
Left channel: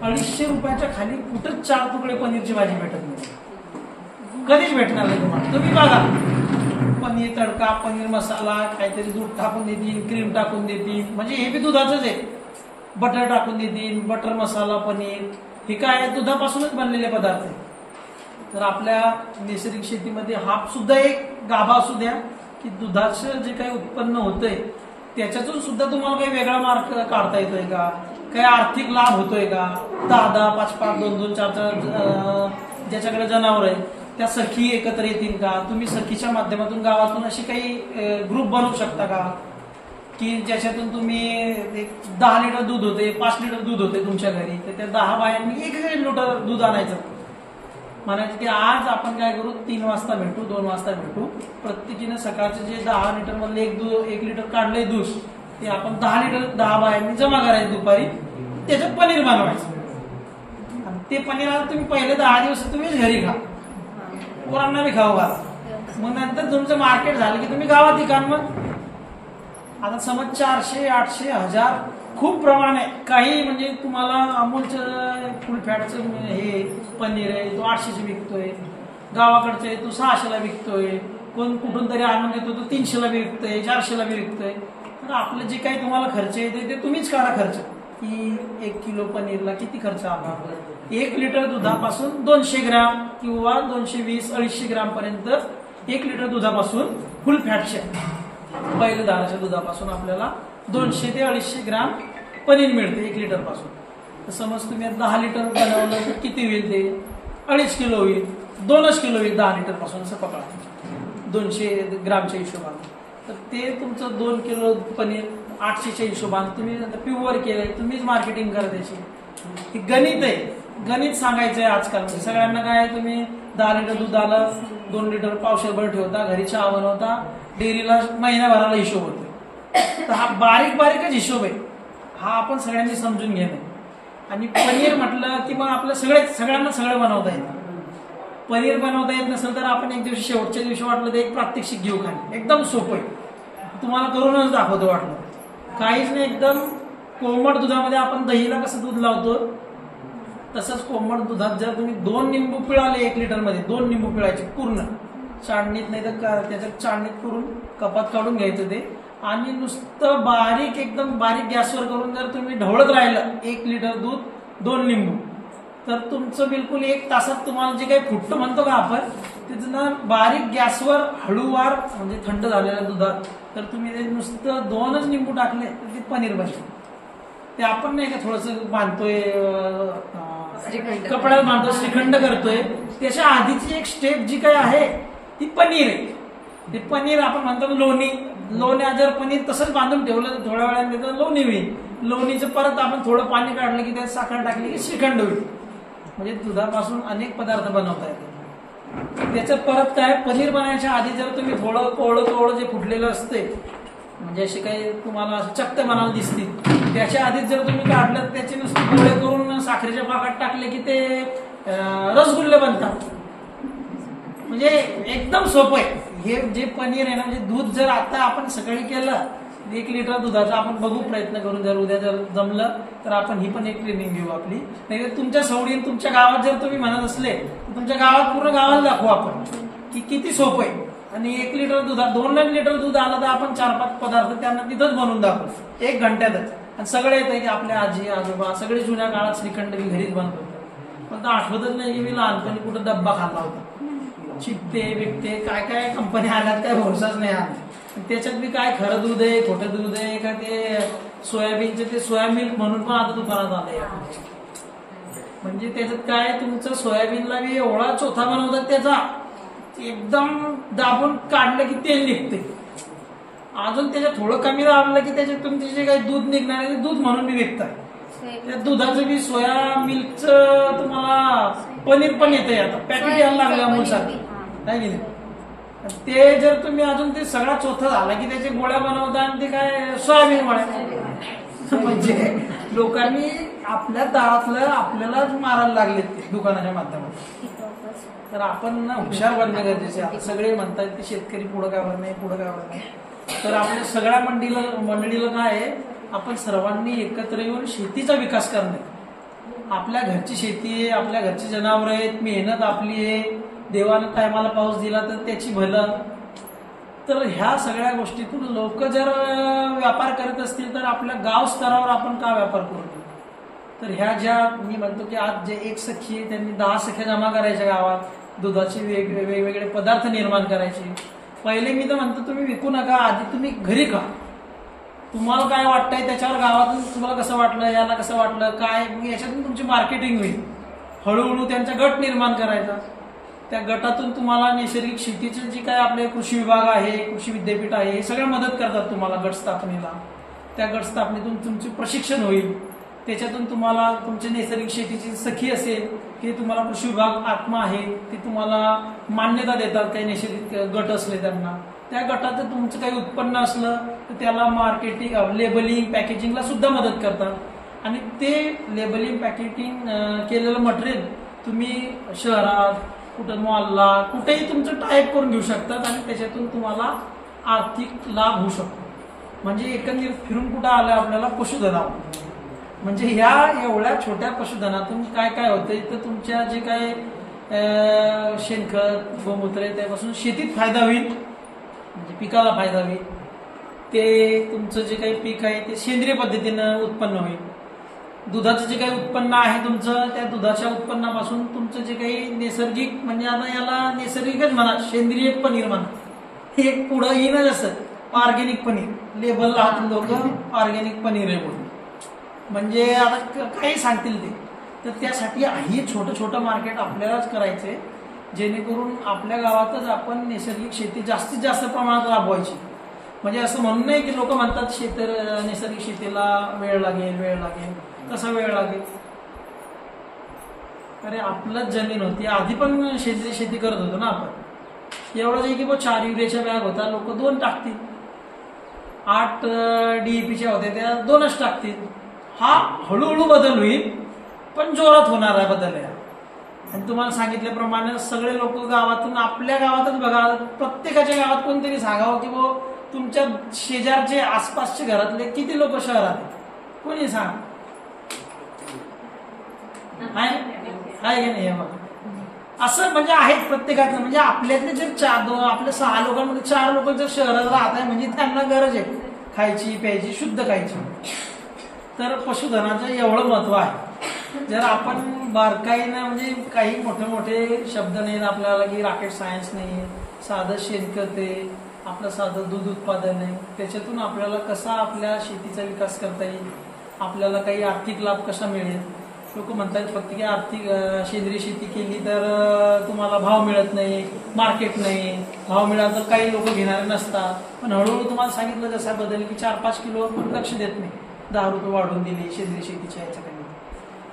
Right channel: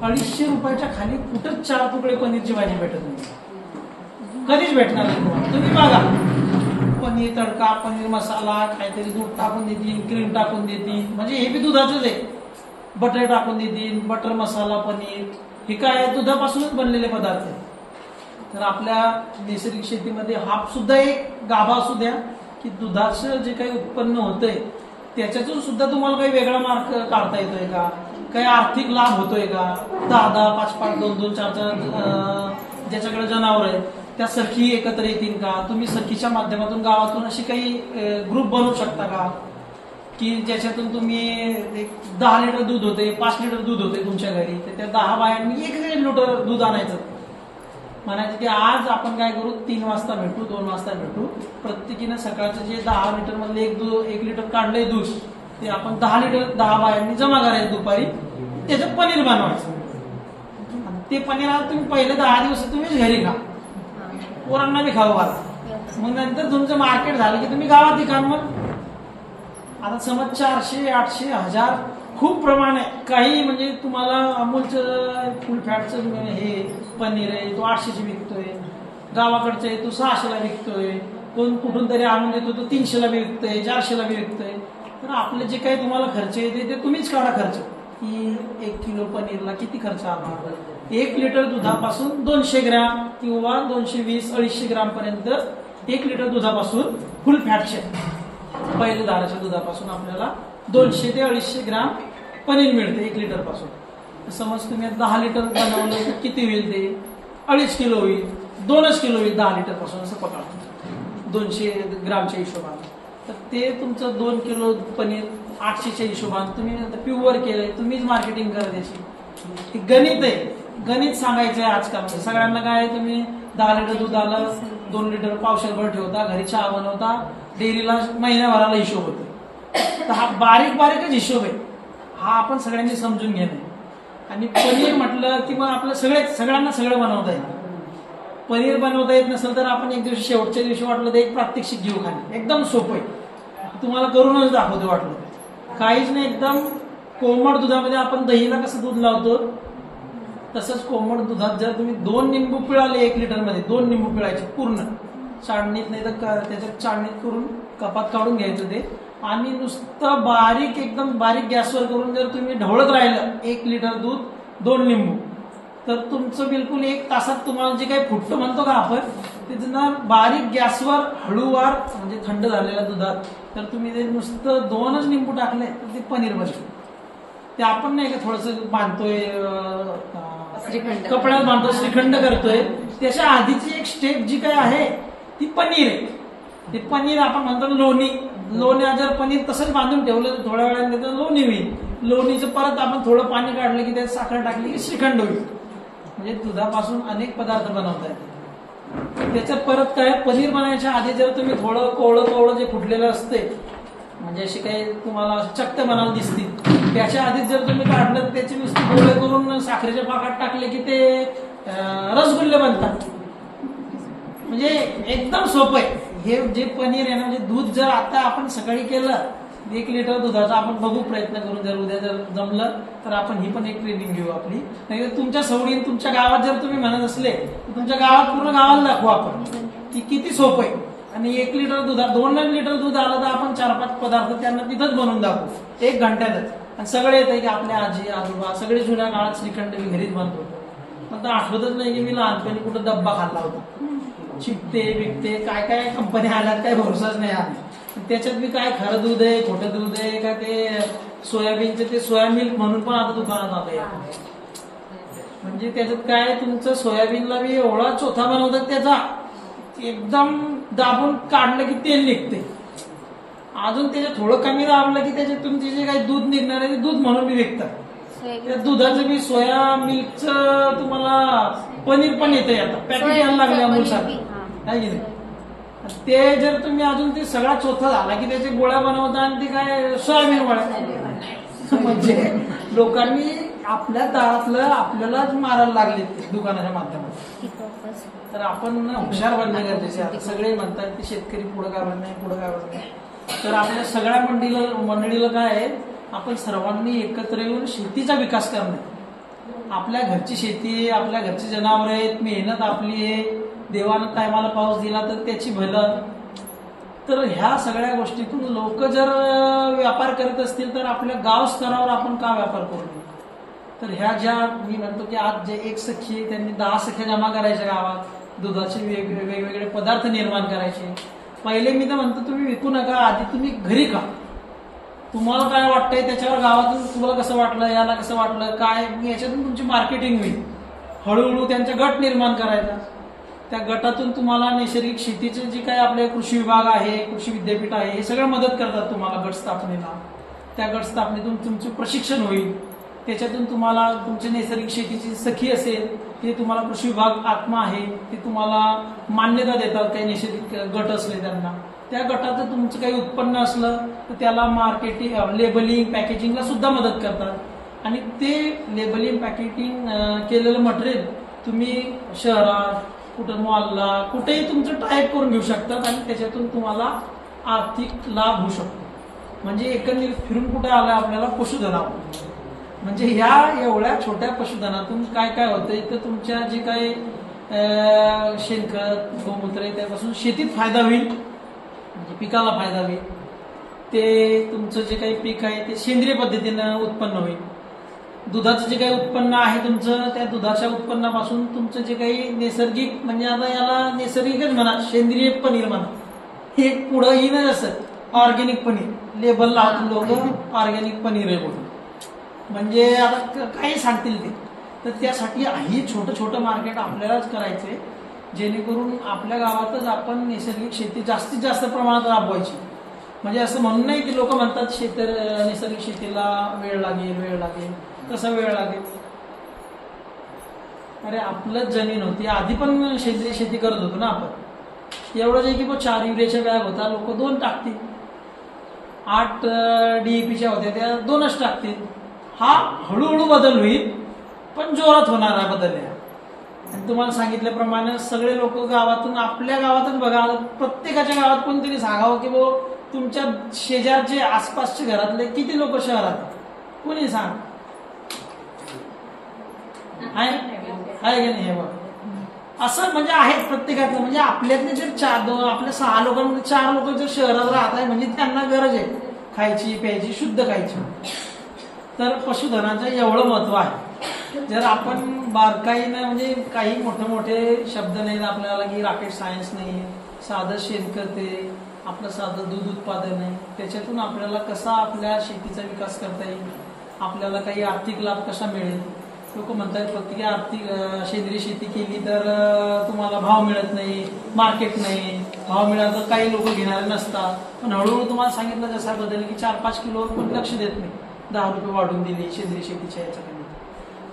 250 रुपयाच्या खाली कुठंच 4 तुकडे पनीरची भाजी भेटत नाही, कधीच भेटणार नाही तुम्हाला. तुम्ही बघा पनीर तडका, पनीर मसाला, काहीतरी दूध टाकून देतील, क्रीम टाकून देतील, म्हणजे हे बी दुधाचंच आहे, बटर टाकून देतील, बटर मसाला पनीर, हे काय दुधापासूनच बनलेले पदार्थ आहे. तर आपल्या नैसर्गिक शेतीमध्ये हा सुद्धा एक गाभा असू द्या की दुधाचं जे काही उत्पन्न होतंय त्याच्यातून सुद्धा तुम्हाला काही वेगळा मार्ग काढता येतोय का, काही आर्थिक लाभ होतोय का. 10-10, 5-5, 2-2, 4-4 ज्याच्याकडे जनावर आहेत त्या सखी एकत्र येतील का, तुम्ही सखीच्या माध्यमातून गावातून अशी काही ग्रुप बनवू शकता का की ज्याच्यातून तुम्ही 10 लिटर दूध होते, 5 लिटर दूध होते तुमच्या घरी, तर त्या 10 बायांनी 1 लिटर दूध आणायचं. म्हणायचं की आज आपण काय करू, 3 वाजता भेटू, 2 वाजता भेटू, प्रत्येकीनं सकाळचं जे 10 लिटर मधले 1 लिटर काढलंय दूध ते आपण 10 लिटर 10 बायांनी जमा करायचं दुपारी, त्याचं पनीर बनवायचं. आणि ते पनीर आता तुम्ही पहिले 10 दिवस तुम्हीच घरी खा, पोरांना बी खाऊ घाला, मग नंतर तुमचं मार्केट झालं की तुम्ही गावात विका. मग आता समज 400, 800, 1000 खूप प्रमाण आहे. काही म्हणजे तुम्हाला अमूलचं फुल फॅटचं हे पनीर आहे तो 800 विकतोय, गावाकडचं आहे तो 600 विकतोय, कोण कुठून तरी आणून देतो तो 300 विकतोय, 400 विकतोय. तर आपलं जे काही तुम्हाला खर्च येते ते तुम्हीच काढा खर्च, की 1 किलो पनीरला किती खर्च आला. 1 लिटर दुधापासून 200 ग्रॅम किंवा 220-250 ग्रॅम पर्यंत 1 लिटर दुधापासून फुल फॅटचे पहिलं दाण्याच्या दुधापासून आपल्याला 200 ते 250 ग्रॅम पनीर मिळते 1 लिटर पासून. तर समज तुम्ही 10 लिटर बनवलं तर किती होईल, ते 2.5 किलो होईल, 2 किलो होईल 10 लिटर पासून, असं पकडा 200 ग्रॅमच्या हिशोबाने. तर ते तुमचं 2 किलो पनीर 800च्या हिशोबाने तुम्ही प्युअर केलंय, तुम्हीच मार्केटिंग करा त्याची. हे गणित आहे, गणित सांगायचं आहे आजकाल. सगळ्यांना काय, तुम्ही 10 लिटर दूध आलं, 2 लिटर पावशेरभर ठेवता, घरी चहा बनवता, डेअरीला महिन्याभराला हिशोब होतो. तर हा बारीकच हिशोब आहे, हा आपण सगळ्यांनी समजून घेणे. आणि पनीर म्हटलं की मग आपलं सगळ्यांना सगळं बनवता येतं. पनीर बनवता येत नसेल तर आपण एक दिवशी शेवटच्या दिवशी वाटलं तर एक प्रात्यक्षिक घेऊ खाली, एकदम सोपं आहे, तुम्हाला करूनच दाखवतो वाटलं. काहीच नाही, एकदम कोमट दुधामध्ये आपण दहीला कसं दूध लावतो तसंच कोमट दुधात जर तुम्ही 2 निंबू पिळाले 1 लिटर मध्ये, 2 निंबू पिळायचे पूर्ण चाळणीत, नाही तर त्याच्यात चाळणीत करून कपात काढून घ्यायचं ते, आणि नुसतं बारीक एकदम बारीक गॅसवर करून जर तुम्ही ढवळत राहिलं 1 लिटर दूध 2 निंबू, तर तुमचं बिलकुल 1 तासात तुम्हाला जे काही फुटतं म्हणतो का आपण, ते बारीक गॅसवर हळूवार म्हणजे थंड झालेल्या दुधात तर तुम्ही ते नुसतं 2च निंबू टाकले तर ते पनीर बनते. ते आपण नाही का थोडस बांधतोय कपड्यात बांधतो, श्रीखंड करतोय, त्याच्या आधीची एक स्टेप जी काही आहे ती पनीर आहे. ते पनीर आपण म्हणतो लोणी जर पनीर तसंच बांधून ठेवलं थोड्या वेळाने तर लोणी होईल. लोणीचं परत आपण थोडं पाणी काढलं की त्यात साखर टाकली की श्रीखंड होईल. म्हणजे दुधापासून अनेक पदार्थ बनवता येतात. त्याचं परत काय, पनीर बनायच्या आधी जर तुम्ही थोडं कोवळं जे फुटलेलं असते, म्हणजे असे काही तुम्हाला चक्क मनाला दिसतील, त्याच्या आधीच जर तुम्ही काढलं त्याचे नुसते गोळे करून साखरेच्या पाकात टाकले की ते रसगुल्ले बनतात. म्हणजे एकदम सोपं आहे हे जे पनीर आहे ना. म्हणजे दूध जर आता आपण सकाळी केलं 1 लिटर दुधाचा आपण बघू प्रयत्न करून, जर उद्या जर जमलं तर आपण ही पण एक ट्रेनिंग घेऊ आपली. नाही तर तुमच्या सवडीने तुमच्या गावात जर तुम्ही म्हणत असले तर तुमच्या गावात पूर्ण गावाला दाखवू आपण की किती सोपं आहे. आणि 1 लिटर दुधात 2 लिटर दूध आलं तर आपण 4-5 पदार्थ त्यांना तिथंच बनवून दाखवू 1 घंट्यातच. आणि सगळे येते की आपल्या आजी आजोबा सगळे जुन्या काळात श्रीखंड मी घरीच बनवतो, पण तर आठवतच नाही की मी लहानपणी कुठं डब्बा खाल्ला होता. चिपते बिपते काय काय कंपनी आल्यात काय भरोसाच नाही आला. त्याच्यात बी काय खरं दूध आहे खोटं दूध आहे का, ते सोयाबीनचे ते सोया मिल्क म्हणून पण आता दुकानात आलंय. म्हणजे त्याच्यात काय, तुमचं सोयाबीनला बी एवढा चोथा बनवतात त्याचा, एकदम दाबून काढलं की तेल निघते, अजून त्याच्यात थोडं कमी दाबलं की त्याच्यात तुमचे जे काही दूध निघणार आहे ते दूध म्हणून बी विकतात. त्या दुधाचं बी सोया मिल्कचं तुम्हाला पनीर पण येते, आता पॅकेट यायला लागले अमूलसाठी आहे की नाही. ते जर तुम्ही अजून ते सगळा चोथा झाला की त्याचे गोळ्या बनवता आणि ते काय सोयाबीन गोळ्या. म्हणजे लोकांनी आपल्या दाळातलं आपल्यालाच मारायला लागले दुकानाच्या माध्यमातून. तर आपण हुशार बनणे गरजेचे आहे. सगळे म्हणतात की शेतकरी पुढं का बनत नाही. तर आपल्या सगळ्या मंडळीला काय आहे, आपण सर्वांनी एकत्र येऊन शेतीचा विकास करणे. आपल्या घरची शेती आहे, आपल्या घरची जनावर आहेत, मेहनत आपली आहे, देवानं टायमाला पाऊस दिला तर त्याची भलं. तर ह्या सगळ्या गोष्टीतून लोक जर व्यापार करत असतील तर आपल्या गाव स्तरावर आपण का व्यापार करू नये. तर ह्या ज्या मी म्हणतो की आज जे एक सखी आहे त्यांनी 10 सख्या जमा करायच्या गावात, दुधाचे वेगवेगळे पदार्थ निर्माण करायचे. पहिले मी तर म्हणतो तुम्ही विकू नका, आधी तुम्ही घरी खा. तुम्हाला काय वाटतंय त्याच्यावर गावातून तुम्हाला कसं वाटलं, याला कसं वाटलं काय, याच्यातून तुमची मार्केटिंग होईल. हळूहळू त्यांचा गट निर्माण करायचा. त्या गटातून तुम्हाला नैसर्गिक शेतीचे जे काय आपले कृषी विभाग आहे, कृषी विद्यापीठ आहे, हे सगळं मदत करतात तुम्हाला गट स्थापनेला. त्या गट स्थापनेतून तुमचे प्रशिक्षण होईल. त्याच्यातून तुम्हाला तुमची नैसर्गिक शेतीची सखी असेल ते तुम्हाला कृषी विभाग आत्मा आहे ते तुम्हाला मान्यता देतात. काही नैसर्गिक गट असले त्यांना त्या गटाचं तुमचं काही उत्पन्न असलं तर त्याला मार्केटिंग, लेबलिंग, पॅकेजिंगला सुद्धा मदत करतात. आणि ते लेबलिंग, पॅकेजिंग केलेलं मटेरियल तुम्ही शहरात, कुठं मॉलला, कुठेही तुमचं टाईप करून घेऊ शकतात आणि त्याच्यातून तुम्हाला आर्थिक लाभ होऊ शकतो. म्हणजे एकंदरीत फिरून कुठं आलं आपल्याला पशुधनावर. म्हणजे ह्या एवढ्या छोट्या पशुधनातून काय काय होतंय तर तुमच्या जे काही शेणखत, गोमूत्र आहे त्यापासून शेतीत फायदा होईल, म्हणजे पिकाला फायदा होईल. ते तुमचं जे काही पीक आहे ते सेंद्रिय पद्धतीनं उत्पन्न होईल. दुधाचं जे काही उत्पन्न आहे तुमचं, त्या दुधाच्या उत्पन्नापासून तुमचं जे काही नैसर्गिक, म्हणजे आता याला नैसर्गिकच म्हणा, सेंद्रिय पनीर म्हणा, हे पुढं येईनच असं ऑर्गॅनिक पनीर. लेबल लावून लोक ऑर्गॅनिक पनीर आहे बोलून, म्हणजे आता काही सांगतील ते. तर त्यासाठी हे छोटं छोटं मार्केट आपल्यालाच करायचंय, जेणेकरून आपल्या गावातच आपण नैसर्गिक शेती जास्तीत जास्त प्रमाणात राबवायची. म्हणजे असं म्हणून नाही की लोक म्हणतात नैसर्गिक शेतीला वेळ लागेल. कसा वेळ लागेल? अरे आपलंच जमीन होती, आधी पण सेंद्रिय शेती करत होतो ना आपण. एवढंच आहे की 4 युरियाच्या बॅग होता, लोक 2 टाकतील. 8 DAPच्या होत्या त्या 2च टाकतील. हा हळूहळू बदल होईल, पण जोरात होणारा बदल आहे. आणि तुम्हाला सांगितल्याप्रमाणे सगळे लोक गावातून, आपल्या गावातच बघा, प्रत्येकाच्या गावात कोणतरी सांगावं की बो तुमच्या शेजारचे आसपासचे घरातले किती लोक शहरात, कोणी सांग आहे की नाही? हे बघा असं म्हणजे आहेत प्रत्येकातलं. म्हणजे आपल्यातले जर आपल्या 6 लोकांमध्ये 4 लोक जर शहरात राहत आहे म्हणजे त्यांना गरज आहे खायची, प्यायची, शुद्ध खायची. तर पशुधनाचं एवढं महत्व आहे. जर आपण बारकाईनं, म्हणजे काही मोठे मोठे शब्द नाहीत आपल्याला, की रॉकेट सायन्स नाही, साधं शेणखत आहे, आपलं साधं दूध उत्पादन आहे, त्याच्यातून आपल्याला कसा आपल्या शेतीचा विकास करता येईल, आपल्याला काही आर्थिक लाभ कसा मिळेल. लोक म्हणतात प्रत्येकी आर्थिक सेंद्रिय शेती केली तर तुम्हाला भाव मिळत नाही, मार्केट नाही, भाव मिळाला तर काही लोक घेणारे नसतात. पण हळूहळू तुम्हाला सांगितलं जसा बदल की 4-5 किलो लक्ष देत नाही, 10 रुपये वाढून दिले सेंद्रिय शेतीच्या याच्याकडे.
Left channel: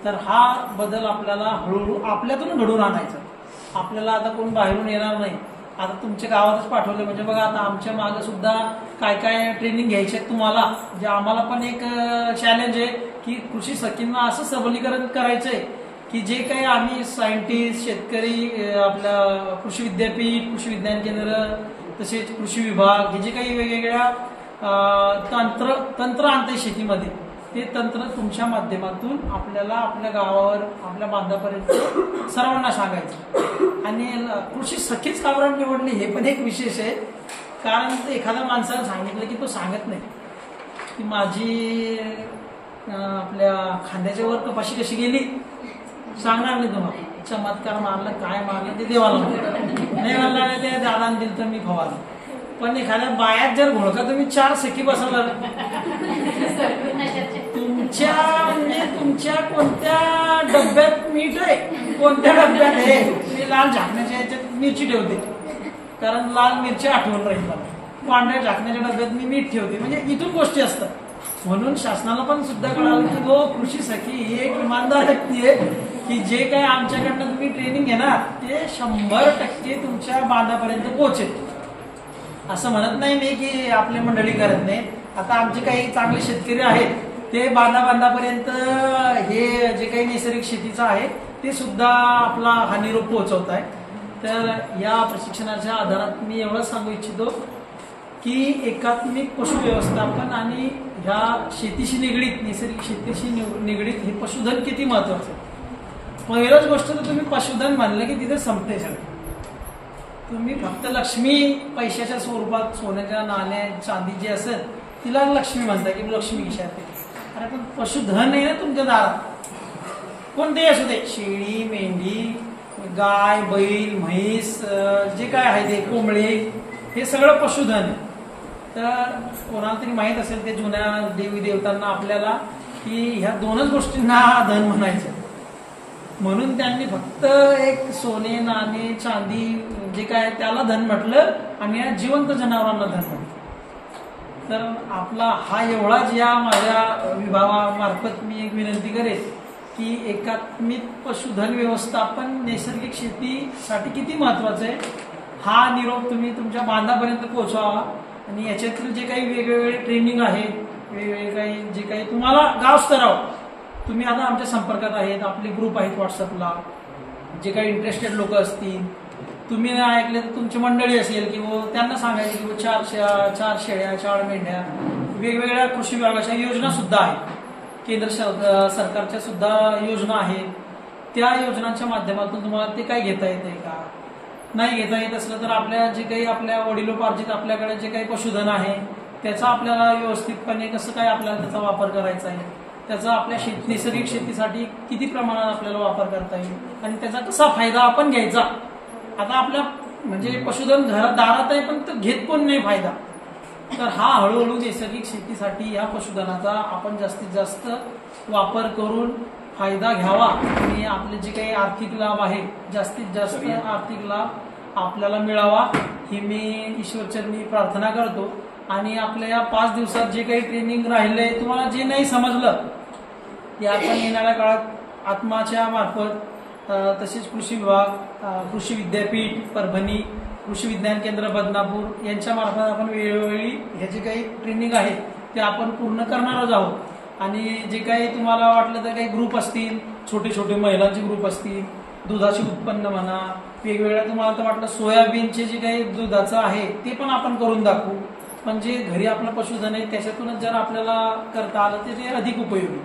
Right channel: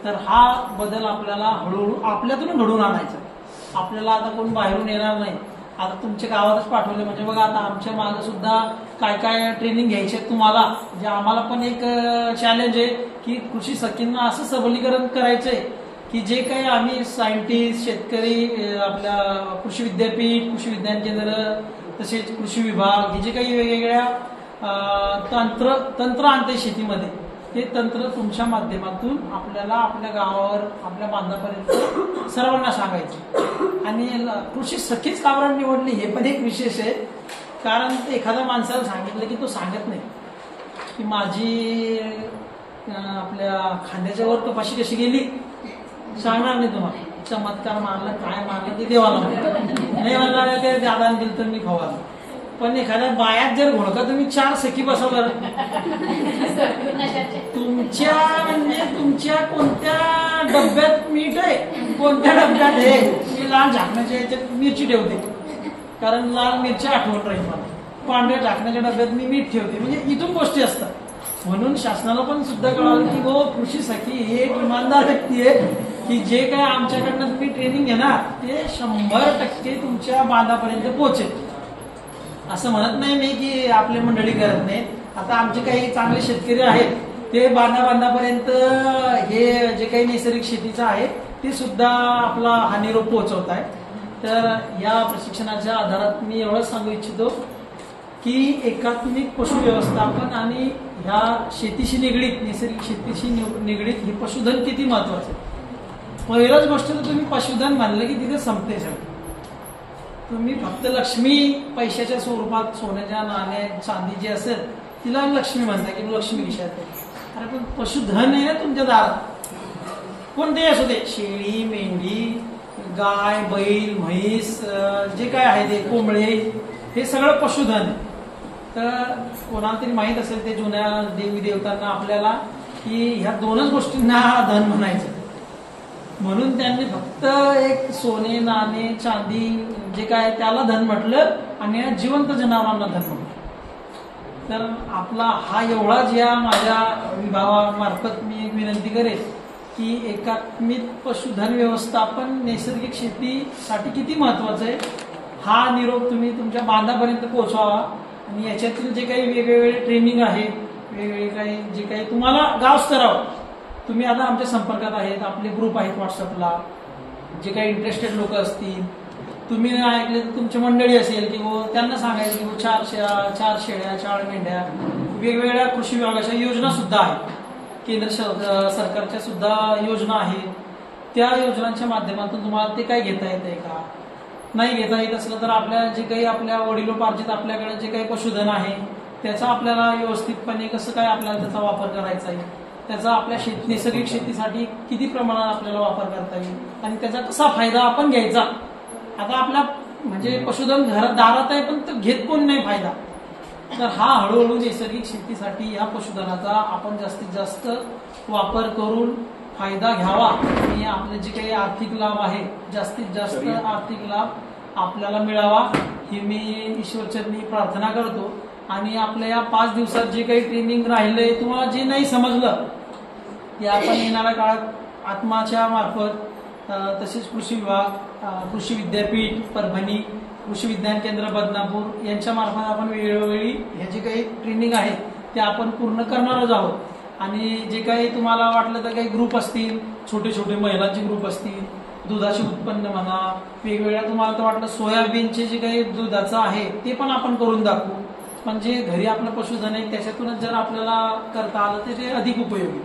तर हा बदल आपल्याला हळूहळू आपल्यातून घडून आणायचा. आपल्याला आता कोण बाहेरून येणार नाही. आता तुमच्या गावातच पाठवले म्हणजे बघा, आता आमच्या मागे सुद्धा काय काय ट्रेनिंग घ्यायची आहे तुम्हाला. जे आम्हाला पण एक चॅलेंज आहे की कृषी सखींना असं सबलीकरण करायचंय की जे काही आम्ही सायंटिस्ट, शेतकरी, आपल्या कृषी विद्यापीठ, कृषी विज्ञान केंद्र, तसेच कृषी विभाग, हे जे काही वेगवेगळ्या तंत्र आणते शेतीमध्ये, ते तंत्र तुमच्या माध्यमातून आपल्याला आपल्या गावावर, आपल्या बांधापर्यंत सर्वांना सांगायचं. आणि कृषी सखीच का बरं निवडली हे पण एक विशेष आहे. कारण एखाद्या माणसाला सांगितलं की तो सांगत नाही की माझी आपल्या खांद्याच्या वर कपाशी कशी गेली, सांगणार नाही तुम्हाला. चमत्कार मारलं, काय मारलं ते देवाला नाही म्हणला, ते दादाने दिलं तर मी फवारलं. पण एखाद्या बायात जर घोळका तुम्ही 4 सखी बसवला, तुमच्या म्हणजे तुमच्या कोणत्या डब्यात मीठ आहे, कोणत्या डब्यात आहे, लाल झाकण्याच्या याच्यात मिरची ठेवते, कारण लाल मिरची आठवण राहील मला, पांढऱ्या झाकण्याच्या डब्यात मी मीठ ठेवते. म्हणजे इथून गोष्टी असतात. म्हणून शासनाला पण सुद्धा कळालं की हो, कृषी सखी ही एक इमानदार व्यक्ती आहे की जे काही आमच्याकडनं तुम्ही ट्रेनिंग घेणार ते 100% तुमच्या बांधापर्यंत पोहोचेल. असं म्हणत नाही मी की आपली मंडळी करत नाही. आता आमचे काही चांगले शेतकरी आहेत ते बांधापर्यंत हे जे काही नैसर्गिक शेतीचं आहे ते सुद्धा आपला हा निरोप पोहोचवत आहे. तर या प्रशिक्षणाच्या आधारात मी एवढं सांगू इच्छितो की एकात्मिक पशु व्यवस्थापन आणि ह्या शेतीशी निगडीत, नैसर्गिक शेतीशी निगडीत हे पशुधन किती महत्वाचं. पहिलंच गोष्ट तर तुम्ही पशुधन म्हणलं की तिथे संपते सगळं. तुम्ही फक्त लक्ष्मी पैशाच्या स्वरूपात सोन्याच्या नाण्या, चांदी जी असेल तिला लक्ष्मी म्हणताय की लक्ष्मी विषयात. अरे पण पशुधन आहे ना तुमच्या दारात, कोणतेही असू दे, शेळी, मेंढी, गाय, बैल, म्हैस, जे काय आहे ते कोंबडे, हे सगळं पशुधन आहे. तर कोणाला तरी माहित असेल ते जुन्या देवी देवतांना आपल्याला की ह्या दोनच गोष्टींना धन म्हणायचं, म्हणून त्यांनी फक्त एक सोने, नाणे, चांदी जे काय त्याला धन म्हटलं आणि या जिवंत जनावरांना धन म्हटलं. तर आपला हा एवढाच या माझ्या विभागामार्फत मी एक विनंती करेन की एकात्मिक पशुधन व्यवस्थापन नैसर्गिक शेतीसाठी किती महत्वाचं आहे हा निरोप तुम्ही तुमच्या बांधापर्यंत पोहोचवावा. आणि याच्यातील जे काही वेगवेगळे ट्रेनिंग आहे, वेगवेगळे काही जे काही तुम्हाला गाव स्तरावर तुम्ही आता आमच्या संपर्कात आहेत, आपले ग्रुप आहेत व्हॉट्सअपला, जे काही इंटरेस्टेड लोक असतील, तुम्ही नाही ऐकले तर तुमची मंडळी असेल किंवा त्यांना सांगायचं की 4 शेळ्या, 4 मेंढ्या, वेगवेगळ्या कृषी विभागाच्या योजना सुद्धा आहेत, केंद्र सरकारच्या सुद्धा योजना आहेत. त्या योजनांच्या माध्यमातून तुम्हाला ते काय घेता येते का, नाही घेता येत असलं तर आपल्या जे काही आपल्या वडिलोपार्जित आपल्याकडे जे काही पशुधन आहे त्याचा आपल्याला व्यवस्थितपणे कसं काय आपल्याला त्याचा वापर करायचा आहे, त्याचा आपल्या नैसर्गिक शेतीसाठी किती प्रमाणात आपल्याला वापर करता येईल आणि त्याचा कसा फायदा आपण घ्यायचा. आता आपल्या म्हणजे पशुधन घरात दारात आहे पण तो घेत कोण नाही फायदा. तर हा हळूहळू नैसर्गिक शेतीसाठी या पशुधनाचा आपण जास्तीत जास्त वापर करून फायदा घ्यावा आणि आपले जे काही आर्थिक लाभ आहे जास्तीत जास्त आर्थिक लाभ आपल्याला मिळावा ही मी ईश्वरचरणी प्रार्थना करतो. आणि आपल्या या 5 दिवसात जे काही ट्रेनिंग राहिलंय, तुम्हाला जे नाही समजलं ते आपण येणाऱ्या काळात आत्माच्या मार्फत तसेच कृषी विभाग, कृषी विद्यापीठ परभणी, कृषी विज्ञान केंद्र बदनापूर यांच्या मार्फत आपण वेळोवेळी हे जे काही ट्रेनिंग आहे ते आपण पूर्ण करणारच आहोत. आणि जे काही तुम्हाला वाटलं तर काही ग्रुप असतील, छोटे छोटे महिलांचे ग्रुप असतील, दुधाचे उत्पन्न म्हणा, वेगवेगळ्या तुम्हाला तर वाटलं सोयाबीनचे जे काही दुधाचं आहे ते पण आपण करून दाखवू. पण जे घरी आपलं पशुधन आहे त्याच्यातूनच जर आपल्याला करता आलं तर ते अधिक उपयोगी.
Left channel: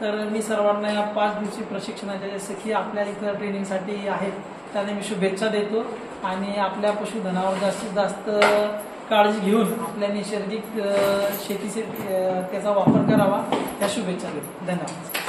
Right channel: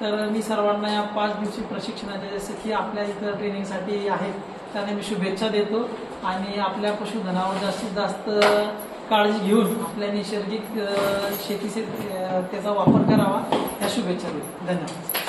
तर मी सर्वांना या 5 दिवसीय प्रशिक्षणाच्या जसे की आपल्या इतर ट्रेनिंगसाठी आहेत त्यांना मी शुभेच्छा देतो आणि आपल्या पशुधनावर जास्तीत जास्त काळजी घेऊन आपल्या नैसर्गिक शेतीचे त्याचा वापर करावा, त्या शुभेच्छा देतो. धन्यवाद.